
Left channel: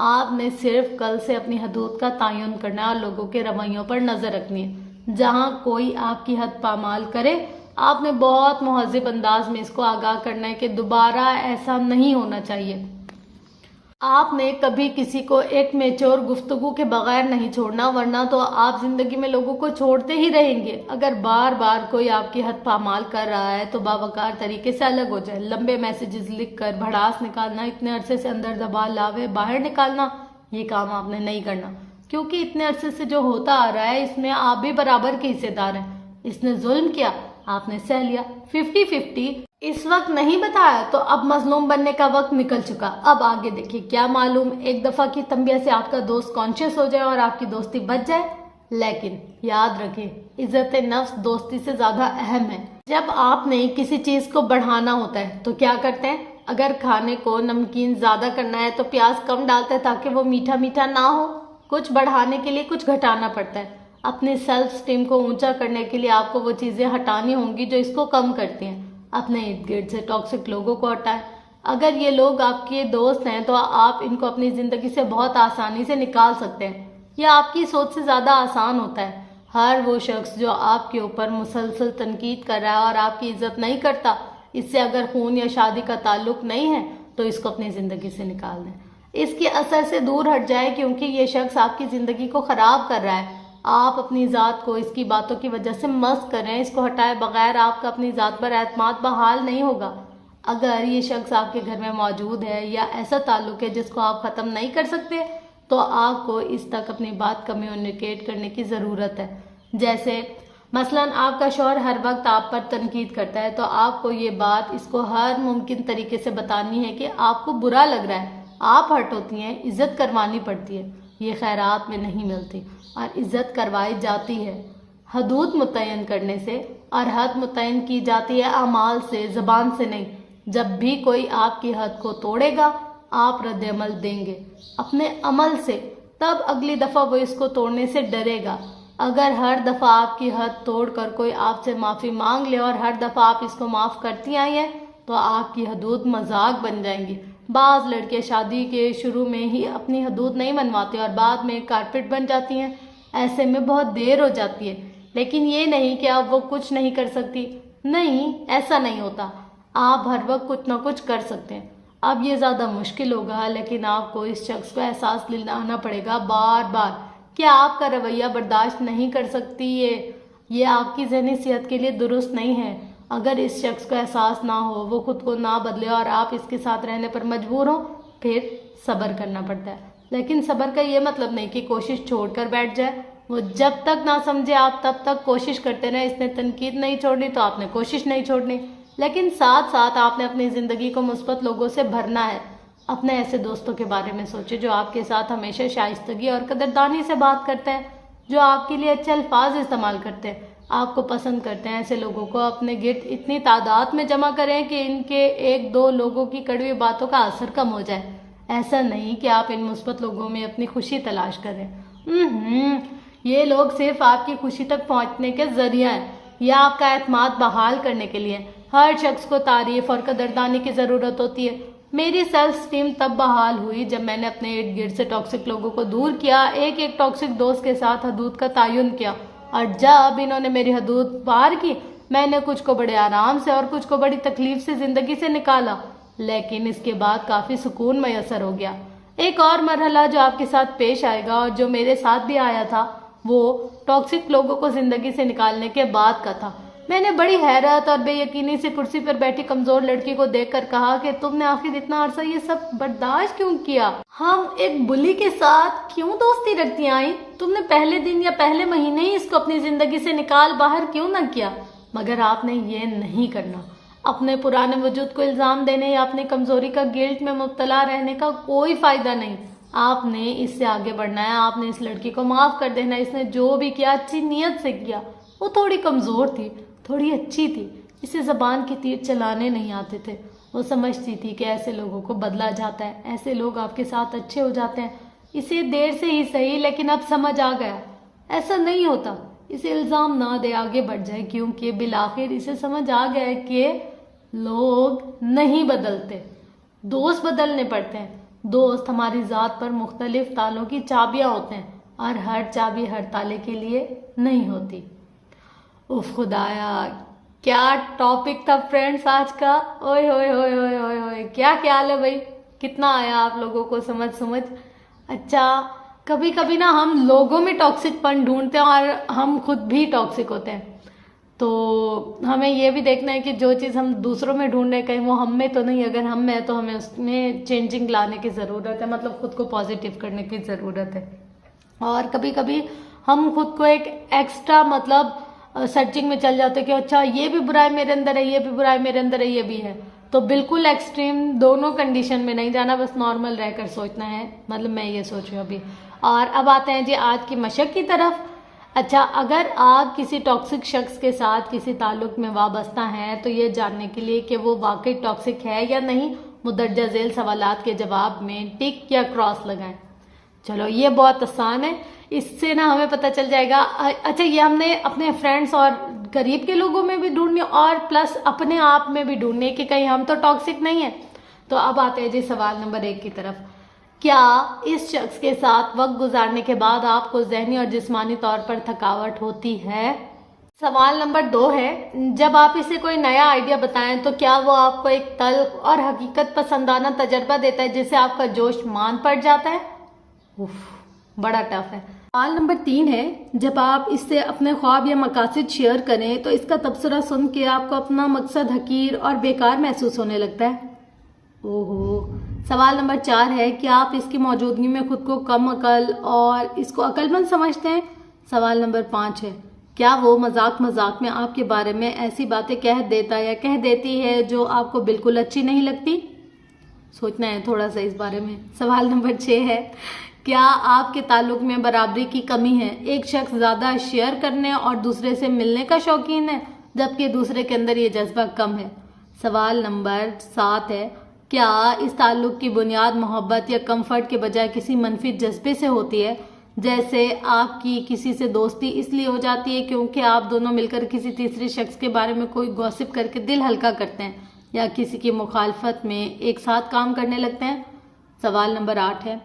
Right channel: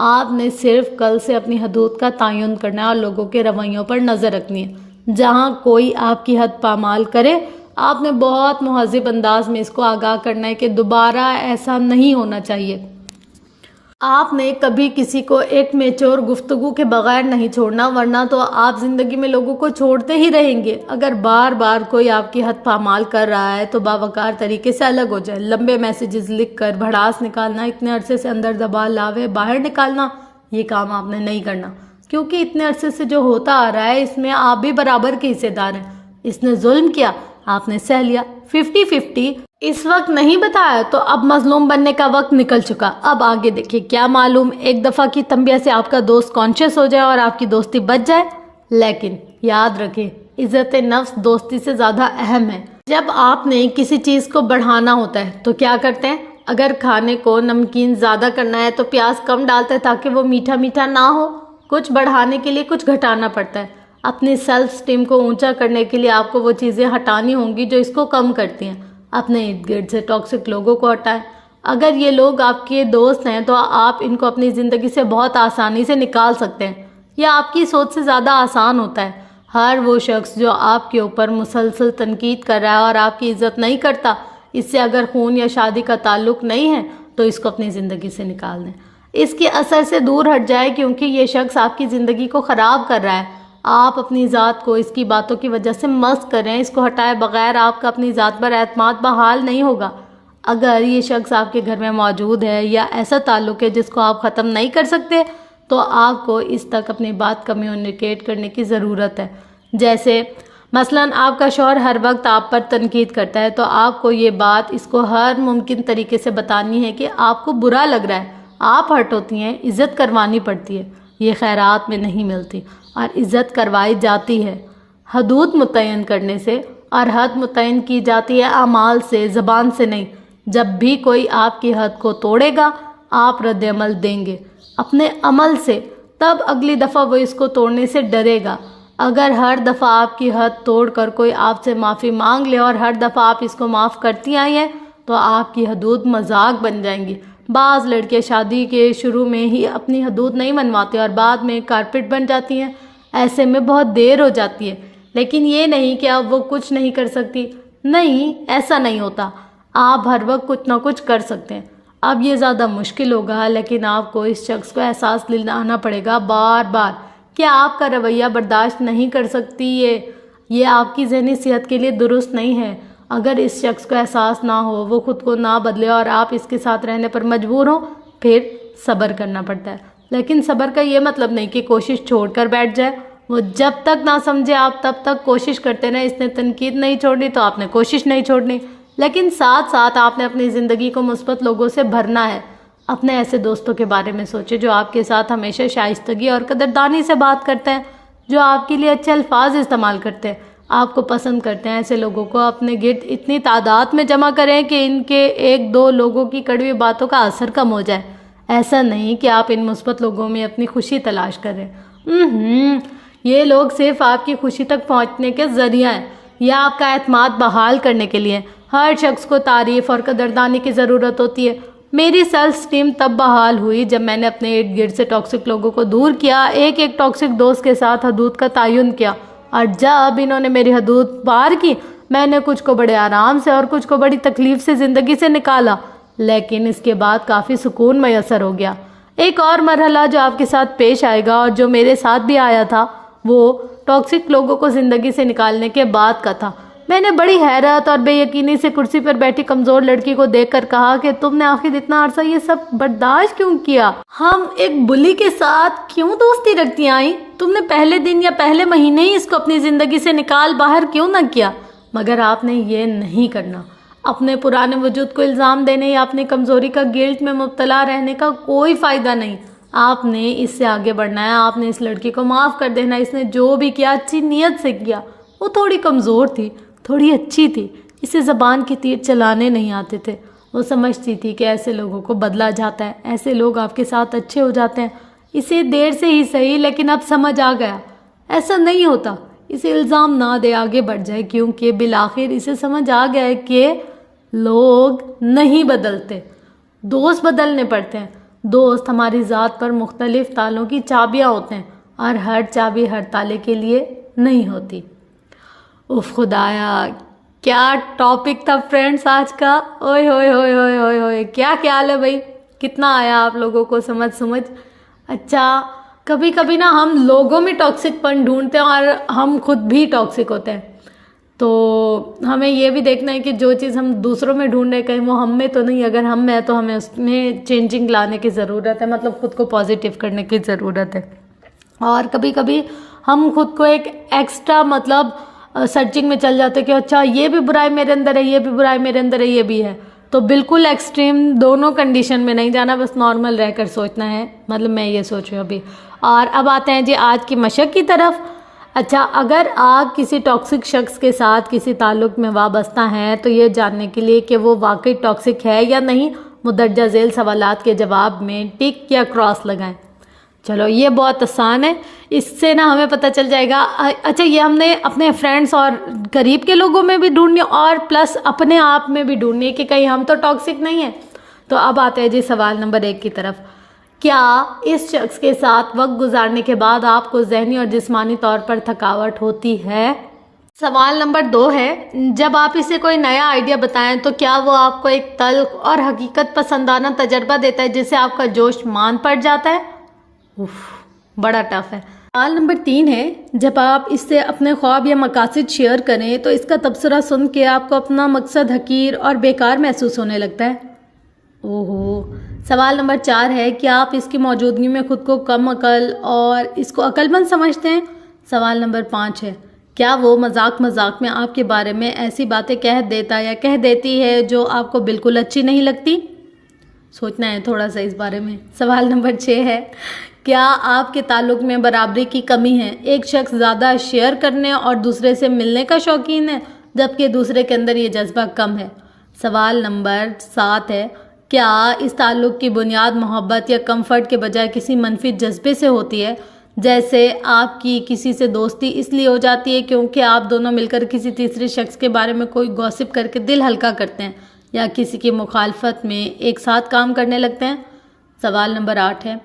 آپ نے صرف کل سے اپنی حدود کا تعین کرنا ہے اور لوگوں کے رویوں پر نظر رکھنی ہے۔ جہاں کوئی آپ کی حد پامال کرے، آپ نے بہت مہذب انداز میں اس کو آگاہ کرنا ہے کہ دوبارہ ایسا نہیں ہونا چاہیے۔ آپ نے کبھی کسی کو ایک میچور گفتگو کے بغیر نہیں چھوڑنا، ورنہ تو آپ زندگی میں لوگوں کو چھوڑتے ہی رہیں گے۔ اگر بار بار کوئی آپ کی حد پامال کر رہا ہے تو باوقار طریقے سے الگ ہو جائے۔ لمبے میسیجز لکھ کر بھڑاس نکالنا، اتنے عرصے سے اندر دبا لاوے باہر نکالنا، یہ کام آپ نے نہیں کرنا، کیونکہ اتنے عرصے سے جو ہوتا آ رہا ہے اس میں آپ بھی برابر کے حصے دار ہیں۔ اس نے ظلم کیا، آپ نے سہ لیا، 50-50 اس وقت نہیں بتایا تو اب مظلوم بننے کا وقت نکل چکا۔ اب آگے دیکھیں، کیا معلوم ایک دفعہ کی تنبیہ سے آپ کا دوست کانشیس ہو جائے اور آپ کی دوستی بچ جائے، لیکن یاد رکھیں عزت نفس دوستی سے زیادہ اہم ہے۔ جب آپ نے کسی چیز کو بڑھانا ہوتا ہے تو کیا کرتے ہیں؟ اگر کھانے کو نمکین زیادہ کرنا ہے تو پیاز کم ڈالتے ہیں تاکہ وہ میٹھا میٹھا نہ ہو۔ کچھ بڑھانے کے لیے کچھ گھٹانا پڑتا ہے۔ اپنی سیلف اسٹیم کو اونچا کرنے کے لیے آپ کو وہ چیزیں ہٹانی ہوں گی جو اس کو کم کرتی ہیں۔ اپنے ارد گرد سے ٹاکسک لوگوں کو ہٹائیں۔ اگر یہ لوگ آپ کے دوست ہیں تو آپ ان کو اپنی زندگی سے بہت آسانی سے نکال سکتے ہیں۔ یہ آپ کی سوچ سے زیادہ آسان ہوتا ہے۔ ہر وہ شخص جو آپ کے اوپر مسلسل تنقید کر رہا ہے اور آپ کی عزت نہیں کرتا، اس سے اگر خون یا شادی کا تعلق نہیں ہے تو اس کو اپنی زندگی سے نکال دیں، اس کے اثر سے دور ہٹ جائے، کیونکہ یہ شخص آپ کی زندگی کو خراب کر رہا ہے۔ آپ اپنی ذات کو اس کی باتوں کی وجہ سے مست کر رہے ہیں۔ اس کو ہٹائے بغیر آپ کا اپنی ذات پر اعتماد بحال نہیں ہوگا۔ اگر یہ شخص آپ کے گھر میں موجود ہے یا ایسا تعلق ہے جس کو آپ ختم نہیں کر سکتے، تو آپ کو اس تک اپنی بات کمیونیکیٹ کرنے کی ضرورت ہے۔ جیسے مثلاً آپ کا شوہر ہر وقت آپ پر تنقید کرتا ہے تو آپ کو یہ بات اس کو ہر ممکن طریقے سے بتانی ہے کہ آپ کو برا لگ رہا ہے، آپ ہرٹ ہوتی ہیں، عزت کروانی پڑتی ہے۔ یہ خیرات میں نہیں ملتی اور عزت کروائی جاتی ہے حدود متعین کرنے سے، اور حد متعین کی جاتی ہے اعمال سے، زبان سے نہیں۔ جب بھی کوئی آپ کی حد کو توڑے گا آپ رد عمل دیں گے اپنے عمل سے، تب اگلی دفعہ وہ اس کو توڑنے سے ڈرے گا۔ اگر ہر دفعہ آپ کی حد توڑ کر کوئی آپ سے معافی مانگ لے اور ہر دفعہ آپ اس کو معاف کرتی آئی ہیں تو آپ کی حدود مذاق بن جائیں گی۔ بعض لڑکے شادی کے شروع میں ہی اپنی حدود نہیں منواتے اور بعد میں کارپیٹ بن جاتی ہیں، ایسے میں بہت دیر ہو جاتی ہے۔ لیکن یہ نہیں کہ اب وہ کچھ نہیں کر سکتی، نہیں، ایسا نہیں ہوتا، آپ ہر وقت کچھ نہ کچھ کر سکتے ہیں۔ اب یہ زیادہ مشکل ہوگا، لیکن آپ کو اس شخص کو احساس دلانا پڑے گا بار بار کہ آپ کا رویہ برداشت نہیں کر سکتی، یہ آپ کی ذہنی صحت کے لیے درست نہیں ہے۔ اگر اس شخص کو احساس نہ ہو، وہ خود کو نہ بدلے اور آپ اس کے ساتھ رہنے پر مجبور ہوں، پھر صبر کرنا پڑتا ہے۔ لیکن صبر کا یہ مطلب نہیں کہ کوشش چھوڑ کر بیٹھ جائے۔ وہ جب تک نہ سمجھے آپ تب تک کوشش کرتے رہیں۔ اس نے تنقید نہیں چھوڑنی تو آپ نے کوشش نہیں چھوڑنی، لیکن ساتھ ساتھ آپ نے اپنی زندگی کو مثبت لوگوں سے بھرنا ہے۔ اپنے ایسے دوستوں کے بارے میں سوچیں جو آپ کے ساتھ ہمیشہ شائستگی اور قدردانی سے بات کرتے ہیں، جو آپ کے لیے اچھے الفاظ استعمال کرتے ہیں، آپ کو پسند کرتے ہیں۔ ایسے لوگوں کو اپنے گرد اتنی تعداد میں جمع کریں کہ ان کے ایک دو لوگوں کی کڑوی باتوں کا اثر کم ہو جائے۔ ایسا نہیں کہ آپ ان مثبت لوگوں میں اپنی خوشی تلاش کر رہے ہیں، یہ لوگ صرف آپ کی خوشی تک پہنچنے کے ذریعہ ہیں یا آپ کا اعتماد بحال کرنے کے لیے۔ ہر شخص کو تعریف اور قدردانی کی ضرورت ہوتی ہے۔ میری سیلف اسٹیم تب بحال ہوئی جب میں نے اپنے ارد گرد سے ٹاکسک لوگوں کو دور کیا، ایک ایک ٹاکسک دوست کے ساتھ حدود کا تعین کیا، اور جب انہوں نے میری حدود پار کی، میں نے کچھ کو بڑے آرام سے اور کچھ کو بڑی تکلیف سے زندگی سے نکالا، لیکن اس کے بعد کافی سکون میسر ہو گیا۔ ایک اور مرحلہ جو آپ کے ساتھ پیش آئے گا اور جو میرے ساتھ بھی آیا تھا، وہ ٹاکسک لوگوں کو زندگی سے نکالنے کے بعد کا تھا۔ میں نے بڑی حیرت اور بے یقینی سے کرسی پر بیٹھی کمزور لڑکی کو دیکھ کر کہا کہ تم نے آخر اتنا عرصہ یہ سب برداشت کیوں کیا؟ ہم ایک بلی کے ساتھ کیوں دوستی رکھتی آئیں؟ تم نے پہلے دن یا پہلے مہینے ہی اس کو اپنی زندگی سے نکال باہر کیوں نہ کیا؟ مگر آپ نے یہ نہیں کرنا۔ اپنے پرانے وجود کو الزام دینے یا اپنی کمزوری کا گلٹ میں مبتلا رہنے کا کوئی فائدہ نہیں۔ آپ نے اس سے آگے بڑھنا ہے۔ آپ نے اس لڑکی کو معاف کر دینا۔ اس نے جو بھی کیا اچھی نیت سے کیا۔ وہ تھوڑی کمزور تھی، تھوڑی اچھی تھی، اسے زبان کے تیر چلانے نہیں آتے تھے۔ وہ سمجھتی تھی کہ ایسے لوگوں کو بدلا جاتا ہے، ایسے لوگ آپ کے ساتھ اچھے ہو جاتے ہیں۔ اسے دیر سے ہی صحیح لیکن اب سمجھ آ گیا ایسا نہیں ہوتا۔ اسے الزام نہ دے، آگے بڑھ جائے، کیونکہ بالآخر اسے سمجھ آ گیا ہے کہ لوگ نہیں بدلتے، دوست بدلنے پڑتے ہیں۔ دوست ہماری ذات پر مختلف تالوں کی چابیاں ہوتے ہیں اور ہر چابی ہر تالے کے لیے نہیں ہوتی۔ اف خدایا، کیا ٹاپک تھا فرینڈس آج کا! اوئے ہوئے ہوئے ہوئے ہوئے ہوئے، کیا خیال ہے بھائی؟ کتنا آیا آپ لوگوں کو سمجھ؟ اچھا، کبھی کبھی نا ہم لوگوں میں ٹاکسک پن ڈھونڈتے ہیں اور ہم خود بھی ٹاکسک ہوتے ہیں، تو ہمیں یہ بھی دیکھنا ہے کہ جو چیز ہم دوسروں میں ڈھونڈ رہے ہیں کہیں وہ ہم میں تو نہیں، اگر ہم میں تو ہمیں اس میں چینجنگ لانے کی ضرورت ہے، مطلب خود کو پازیٹیو کرنے کی ضرورت ہے۔ اور کبھی کبھی ہم خود کو ایک ایکسٹرا مطلب سرچنگ میں چل جاتے کہ اچھا یہ بھی برائی میرے اندر ہے، یہ بھی برائی میرے اندر ہے، یہ بھی ہے، تو بالکل ایکسٹریم دونوں کنڈیشن میں نہیں جانا، بس نارمل رہ کر سوچنا ہے، مطلب میں یہ سوچ رہی ہوں ابھی۔ اور اب آتے ہیں جی آج کی مشق کی طرف۔ اچھا، اگر آپ کسی ٹاکسک شخص کے ساتھ کسی تعلق میں وابستہ ہیں تو یہ جاننے کے لیے کہ وہ واقعی ٹاکسک ہے یا نہیں، مندرجہ ذیل سوالات کے جواب میں ٹک یا کراس لگائیں۔ چلو یہ بہت آسان ہے، اس سے نا ہمیں پتہ چل جائے گا۔ اچھا، یہ ہم نے اپنے فرینڈس اور قریب کے لوگوں میں بھی ڈھونڈنی اور پلس اپنے آپ میں بھی ڈھونڈنی کہ کہیں ہم تو ٹاکسک نہیں ہیں۔ تو اب آتے ہیں جی سوال نمبر 1 کی طرف۔ کیا اس شخص کے ساتھ وقت گزارنے کے بعد آپ کو ذہنی اور جسمانی طور پر تھکاوٹ ہوتی ہے؟ سوال نمبر 2 ہے، جب آپ اسے کوئی نیا آئیڈیا بتائیں تو کیا وہ آپ کو ایک تلخ اور حقیقت پسندانہ تجربہ دیتا ہے جس سے آپ کا جوش مان پڑ جاتا ہے؟ بڑا ٹف ہے۔ سوال نمبر 3 ہے، جب آپ اس سے اپنے خواب یا مقاصد شیئر کریں تو اس کا تبصرہ سن کے آپ کو اپنا مقصد حقیر اور بیکار محسوس ہونے لگتا ہے؟ سوال نمبر 4 ہے، کیا آپ اس کی موجودگی میں خود کو کم عقل اور اس کو عقل مند سمجھتے ہیں؟ سوال نمبر 5 ہے، کیا وہ مذاق میں آپ کے بارے میں ایسی باتیں کہہ دیتا یا کہہ دیتی ہے جو آپ کو بالکل اچھی نہیں لگتی؟ سوچنا ہے تھوڑا سا اس بارے میں۔ سوال نمبر 6 ہے، کیا آپ کے تعلق میں برابری کی کمی ہے؟ ایک شخص زیادہ شیئر کرنے اور دوسرے سے ملنے کا شوقین ہے جبکہ دوسرے کے اندر یہ جذبہ کم ہے۔ سوال نمبر 7 ہے، کیا اس تعلق کی بنیاد محبت یا کمفرٹ کے بجائے کسی منفی جذبے سے ہوتی ہے؟ جیسے آپ کی کسی سے دوستی اس لیے ہو جاتی ہے کیونکہ آپ دونوں مل کر کسی تیسرے شخص کے بارے میں کوئی گوسپ کر کے دل ہلکا کرتے ہیں یا کسی کی مخالفت میں ایک ساتھ کام کرنے لگتے ہیں؟ سوال نمبر 8 ہے،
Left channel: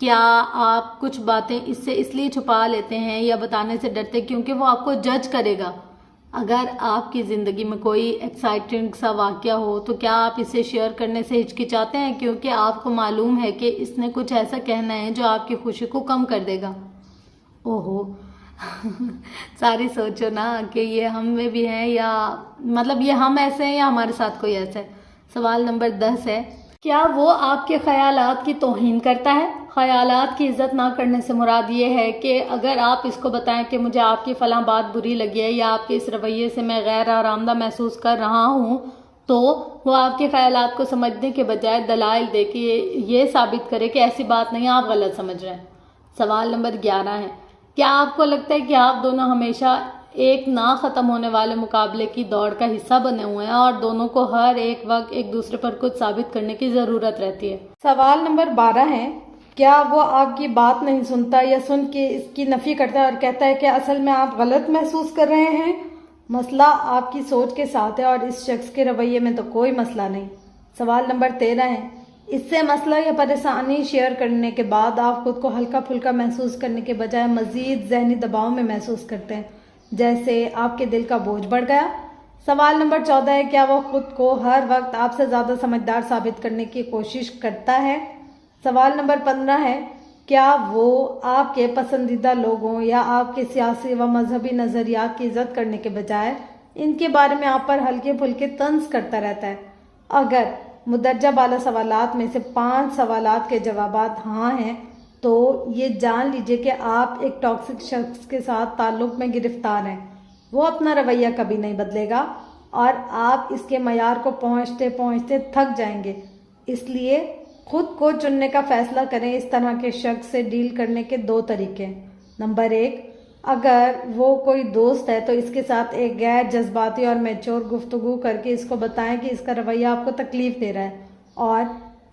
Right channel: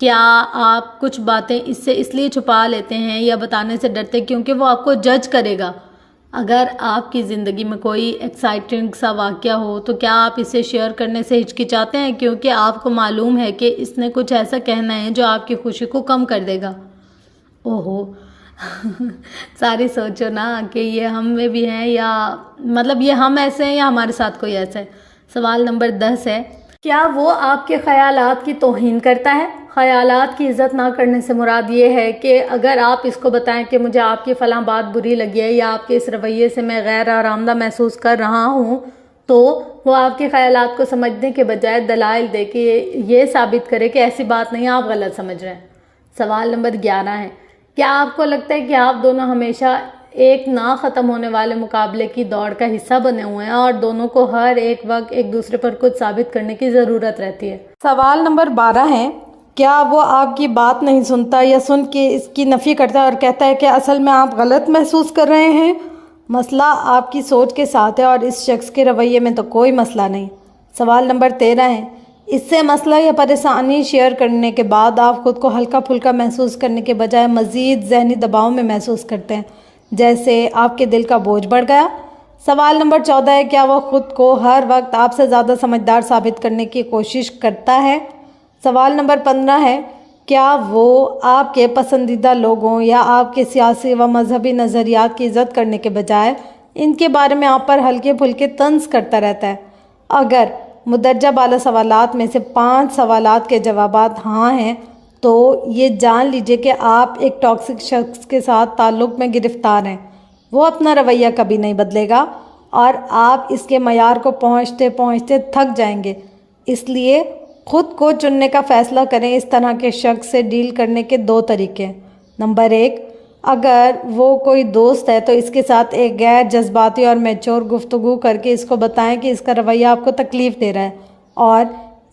کیا آپ کچھ باتیں اس لیے چھپا لیتے ہیں یا بتانے سے ڈرتے کیونکہ وہ آپ کو جج کرے گا؟ اگر آپ کی زندگی میں کوئی ایکسائٹنگ سا واقعہ ہو تو کیا آپ اسے شیئر کرنے سے ہچکچاتے ہیں کیونکہ آپ کو معلوم ہے کہ اس نے کچھ ایسا کہنا ہے جو آپ کی خوشی کو کم کر دے گا؟ ساری سوچو نا کہ یہ ہم میں بھی ہیں یا مطلب یہ ہم ایسے ہیں یا ہمارے ساتھ کوئی ایسا ہے۔ سوال نمبر 10 ہے، کیا وہ آپ کے خیالات کی توہین کرتا ہے؟ خیالات کی عزت نہ کرنے سے مراد یہ ہے کہ اگر آپ اس کو بتائیں کہ مجھے آپ کی فلاں بات بری لگی ہے یا آپ کے اس رویے سے میں غیر آرامدہ محسوس کر رہا ہوں تو وہ آپ کے خیالات کو سمجھنے کے بجائے دلائل دے کے یہ ثابت کرے کہ ایسی بات نہیں، آپ غلط سمجھ رہے ہیں۔ سوال نمبر 11 ہے، کیا آپ کو لگتا ہے کہ آپ دونوں ہمیشہ ایک نہ ختم ہونے والے مقابلے کی دوڑ کا حصہ بنے ہوئے ہیں اور دونوں کو ہر ایک وقت ایک دوسرے پر کچھ ثابت کرنے کی ضرورت رہتی ہے؟ سوال نمبر 12 ہے، کیا وہ آپ کی بات نہیں سنتا یا سن کے اس کی نفی کرتا ہے اور کہتا ہے کہ اصل میں آپ غلط محسوس کر رہے ہیں؟ مسئلہ آپ کی سوچ کے ساتھ ہے اور اس شخص کے رویے میں تو کوئی مسئلہ نہیں۔ سوال نمبر 13 ہے، اس سے مسئلہ یا پریشانی شیئر کرنے کے بعد آپ خود کو ہلکا پھلکا محسوس کرنے کے بجائے مزید ذہنی دباؤ میں محسوس کرتے ہیں جیسے آپ کے دل کا بوجھ بڑھ گیا؟ سوال نمبر 14 ہے، کیا وہ خود کو ہر وقت آپ سے زیادہ سمجھدار ثابت کرنے کی کوشش کرتا ہے؟ سوال نمبر 15 ہے، کیا وہ آپ کے پسندیدہ لوگوں یا آپ کے سیاسی و مذہبی نظریات کی عزت کرنے کے بجائے ان کے بارے میں آپ پر ہلکے پھلکے طنز کرتا رہتا ہے؟ اگر مدرجہ بالا سوالات میں سے 5 سوالات کے جوابات ہاں ہیں تو یہ جان لیجئے کہ آپ ایک ٹاکسک شخص کے ساتھ تعلق میں گرفتار ہیں۔ وہ اپنا رویہ کبھی نہیں بدلے گا اور آپ اس کے معیار کو پہنچتے پہنچتے تھک جائیں گے۔ اس لیے خود کو چننے کا فیصلہ کریں۔ اس طرح کے شخص سے ڈیل کرنے کے 2 طریقے ہیں۔ نمبر 1، اگر وہ کوئی دوست ہے تو اس کے ساتھ ایک غیر جذباتی اور میچور گفتگو کر کے اس کو بتائیں کہ اس کا رویہ آپ کو تکلیف دے رہا ہے اور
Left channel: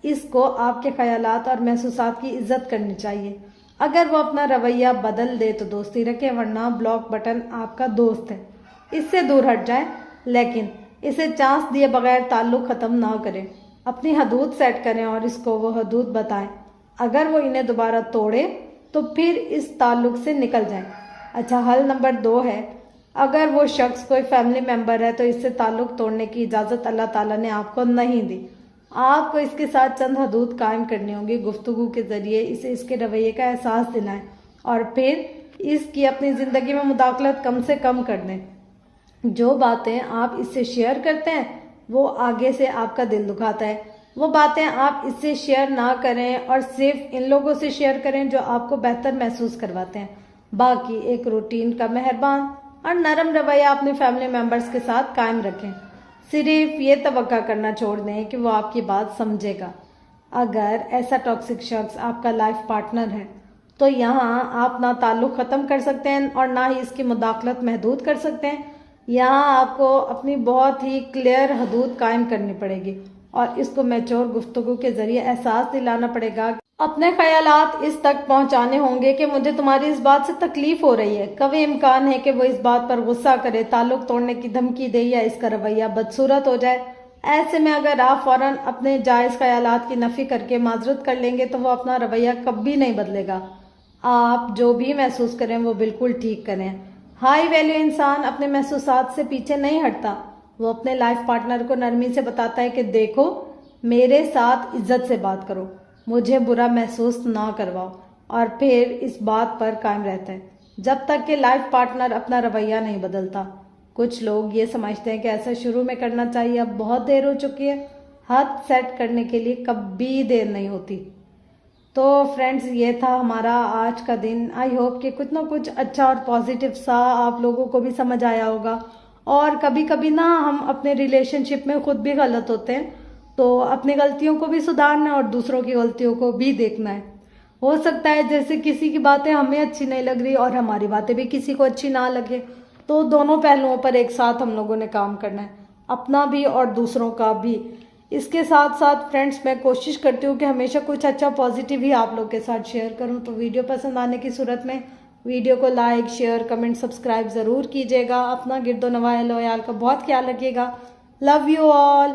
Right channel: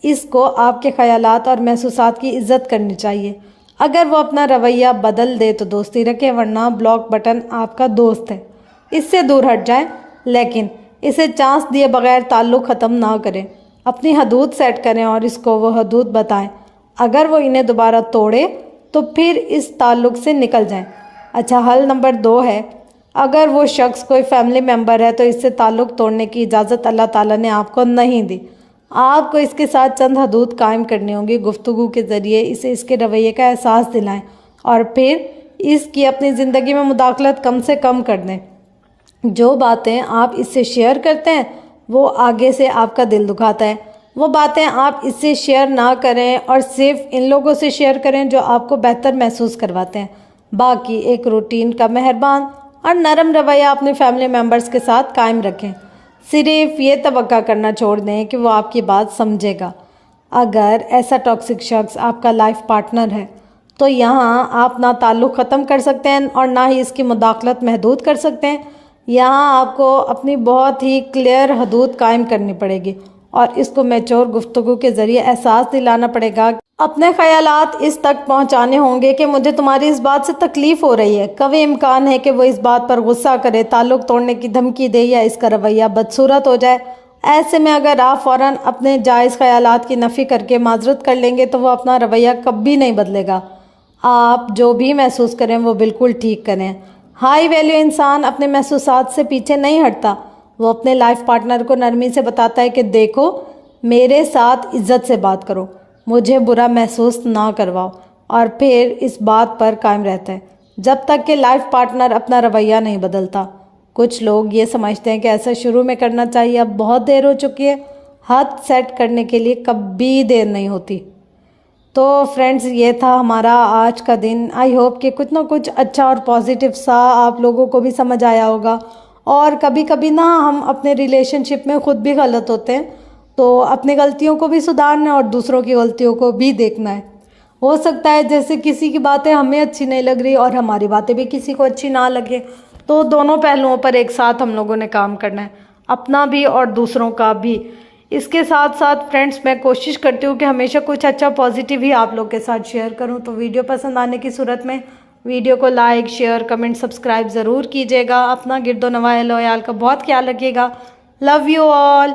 اس کو آپ کے خیالات اور محسوسات کی عزت کرنی چاہیے۔ اگر وہ اپنا رویہ بدل دے تو دوستی رکھیں، ورنہ بلاک بٹن آپ کا دوست ہے، اس سے دور ہٹ جائیں، لیکن اسے چانس دیے بغیر تعلق ختم نہ کریں۔ اپنی حدود سیٹ کریں اور اس کو وہ حدود بتائیں۔ اگر وہ انہیں دوبارہ توڑے تو پھر اس تعلق سے نکل جائیں۔ اچھا، حل نمبر 2 ہے، اگر وہ شخص کوئی فیملی ممبر ہے تو اس سے تعلق توڑنے کی اجازت اللہ تعالیٰ نے آپ کو نہیں دی۔ آپ کو اس کے ساتھ چند حدود قائم کرنی ہوں گی۔ گفتگو کے ذریعے اسے اس کے رویے کا احساس دلائیں اور پھر اس کی اپنی زندگی میں مداخلت کم سے کم کر دیں۔ جو باتیں آپ اس سے شیئر کرتے ہیں وہ آگے سے آپ کا دل دکھاتا ہے۔ وہ باتیں آپ اس سے شیئر نہ کریں اور صرف ان لوگوں سے شیئر کریں جو آپ کو بہتر محسوس کرواتے ہیں۔ باقی ایک روٹین کا مہربان اور نرم رویہ اپنے فیملی ممبرز کے ساتھ قائم رکھیں۔ صرف یہ توقع کرنا چھوڑ دیں کہ وہ آپ کی بات سمجھے گا۔ اگر ایسا ٹاکسک شخص آپ کا لائف پارٹنر ہے تو یہاں آپ نہ تعلق ختم کر سکتے ہیں اور نہ ہی اس کی مداخلت محدود کر سکتے ہیں۔ یہاں آپ کو اپنی بہت ہی کلیئر حدود قائم کرنی پڑے گی اور اس کو میچور گفتگو کے ذریعے احساس دلانا پڑے گا۔ اپنے خیالات اس تک پہنچانے ہوں گے کہ مجھے تمہاری اس بات سے تکلیف ہو رہی ہے۔ قوی امکان ہے کہ وہ اس بات پر غصہ کرے، تعلق توڑنے کی دھمکی دے یا اس کا رویہ بدصورت ہو جائے۔ ایسے میں اگر آپ فوراً اپنے جائز خیالات کی نفی کر کے معذرت کر لیں گے تو وہ اپنا رویہ کبھی نہیں بدلے گا۔ آپ جو بھی محسوس کریں وہ بالکل ٹھیک کریں۔ ہائی ویلیو انسان اپنے محسوسات سے پیچھے نہیں ہٹتا۔ وہ اپنے لائف پارٹنر کو نرمی سے بتاتا ہے کہ دیکھو، میرے ساتھ عزت سے بات کرو، مجھے برا محسوس نہ کرواؤ، اور پھر اس بات پر قائم رہتا ہے جب تک کہ لائف پارٹنر اپنا رویہ نہیں بدلتا۔ کچھ لوگ یہ سمجھتے ہیں کہ ایسا شروع میں کرنا چاہیے، اب بہت دیر ہو چکی ہے۔ حد سیٹ کرنے کے لیے کبھی دیر نہیں ہوتی۔ تو فرینڈز، یہ تھا ہمارا آج کا دن۔ آئی ہوپ کہ کچھ نہ کچھ اچھا اور پازیٹیو سا آپ لوگوں کو بھی سمجھ آیا ہوگا۔ اور کبھی کبھی نا ہم اپنے ریلیشن شپ میں خود بھی غلط ہوتے ہیں، تو اپنی غلطیوں کو بھی سدھارنا اور دوسروں کی غلطیوں کو بھی دیکھنا ہے۔ ہو سکتا ہے جیسے کسی کی باتیں ہمیں اچھی نہیں لگ رہی اور ہماری باتیں بھی کسی کو اچھی نہ لگے، تو دونوں پہلوؤں پر ایک ساتھ ہم لوگوں نے کام کرنا ہے، اپنا بھی اور دوسروں کا بھی۔ اس کے ساتھ ساتھ فرینڈز، میں کوشش کرتی ہوں کہ ہمیشہ کچھ اچھا پازیٹیو ہی آپ لوگ کے ساتھ شیئر کروں۔ تو ویڈیو پسند آنے کی صورت میں ویڈیو کو لائک، شیئر، کمنٹ، سبسکرائب ضرور کیجیے گا۔ اپنا گرد و نواح اہل و عیال کا بہت خیال رکھیے گا۔ Love you all.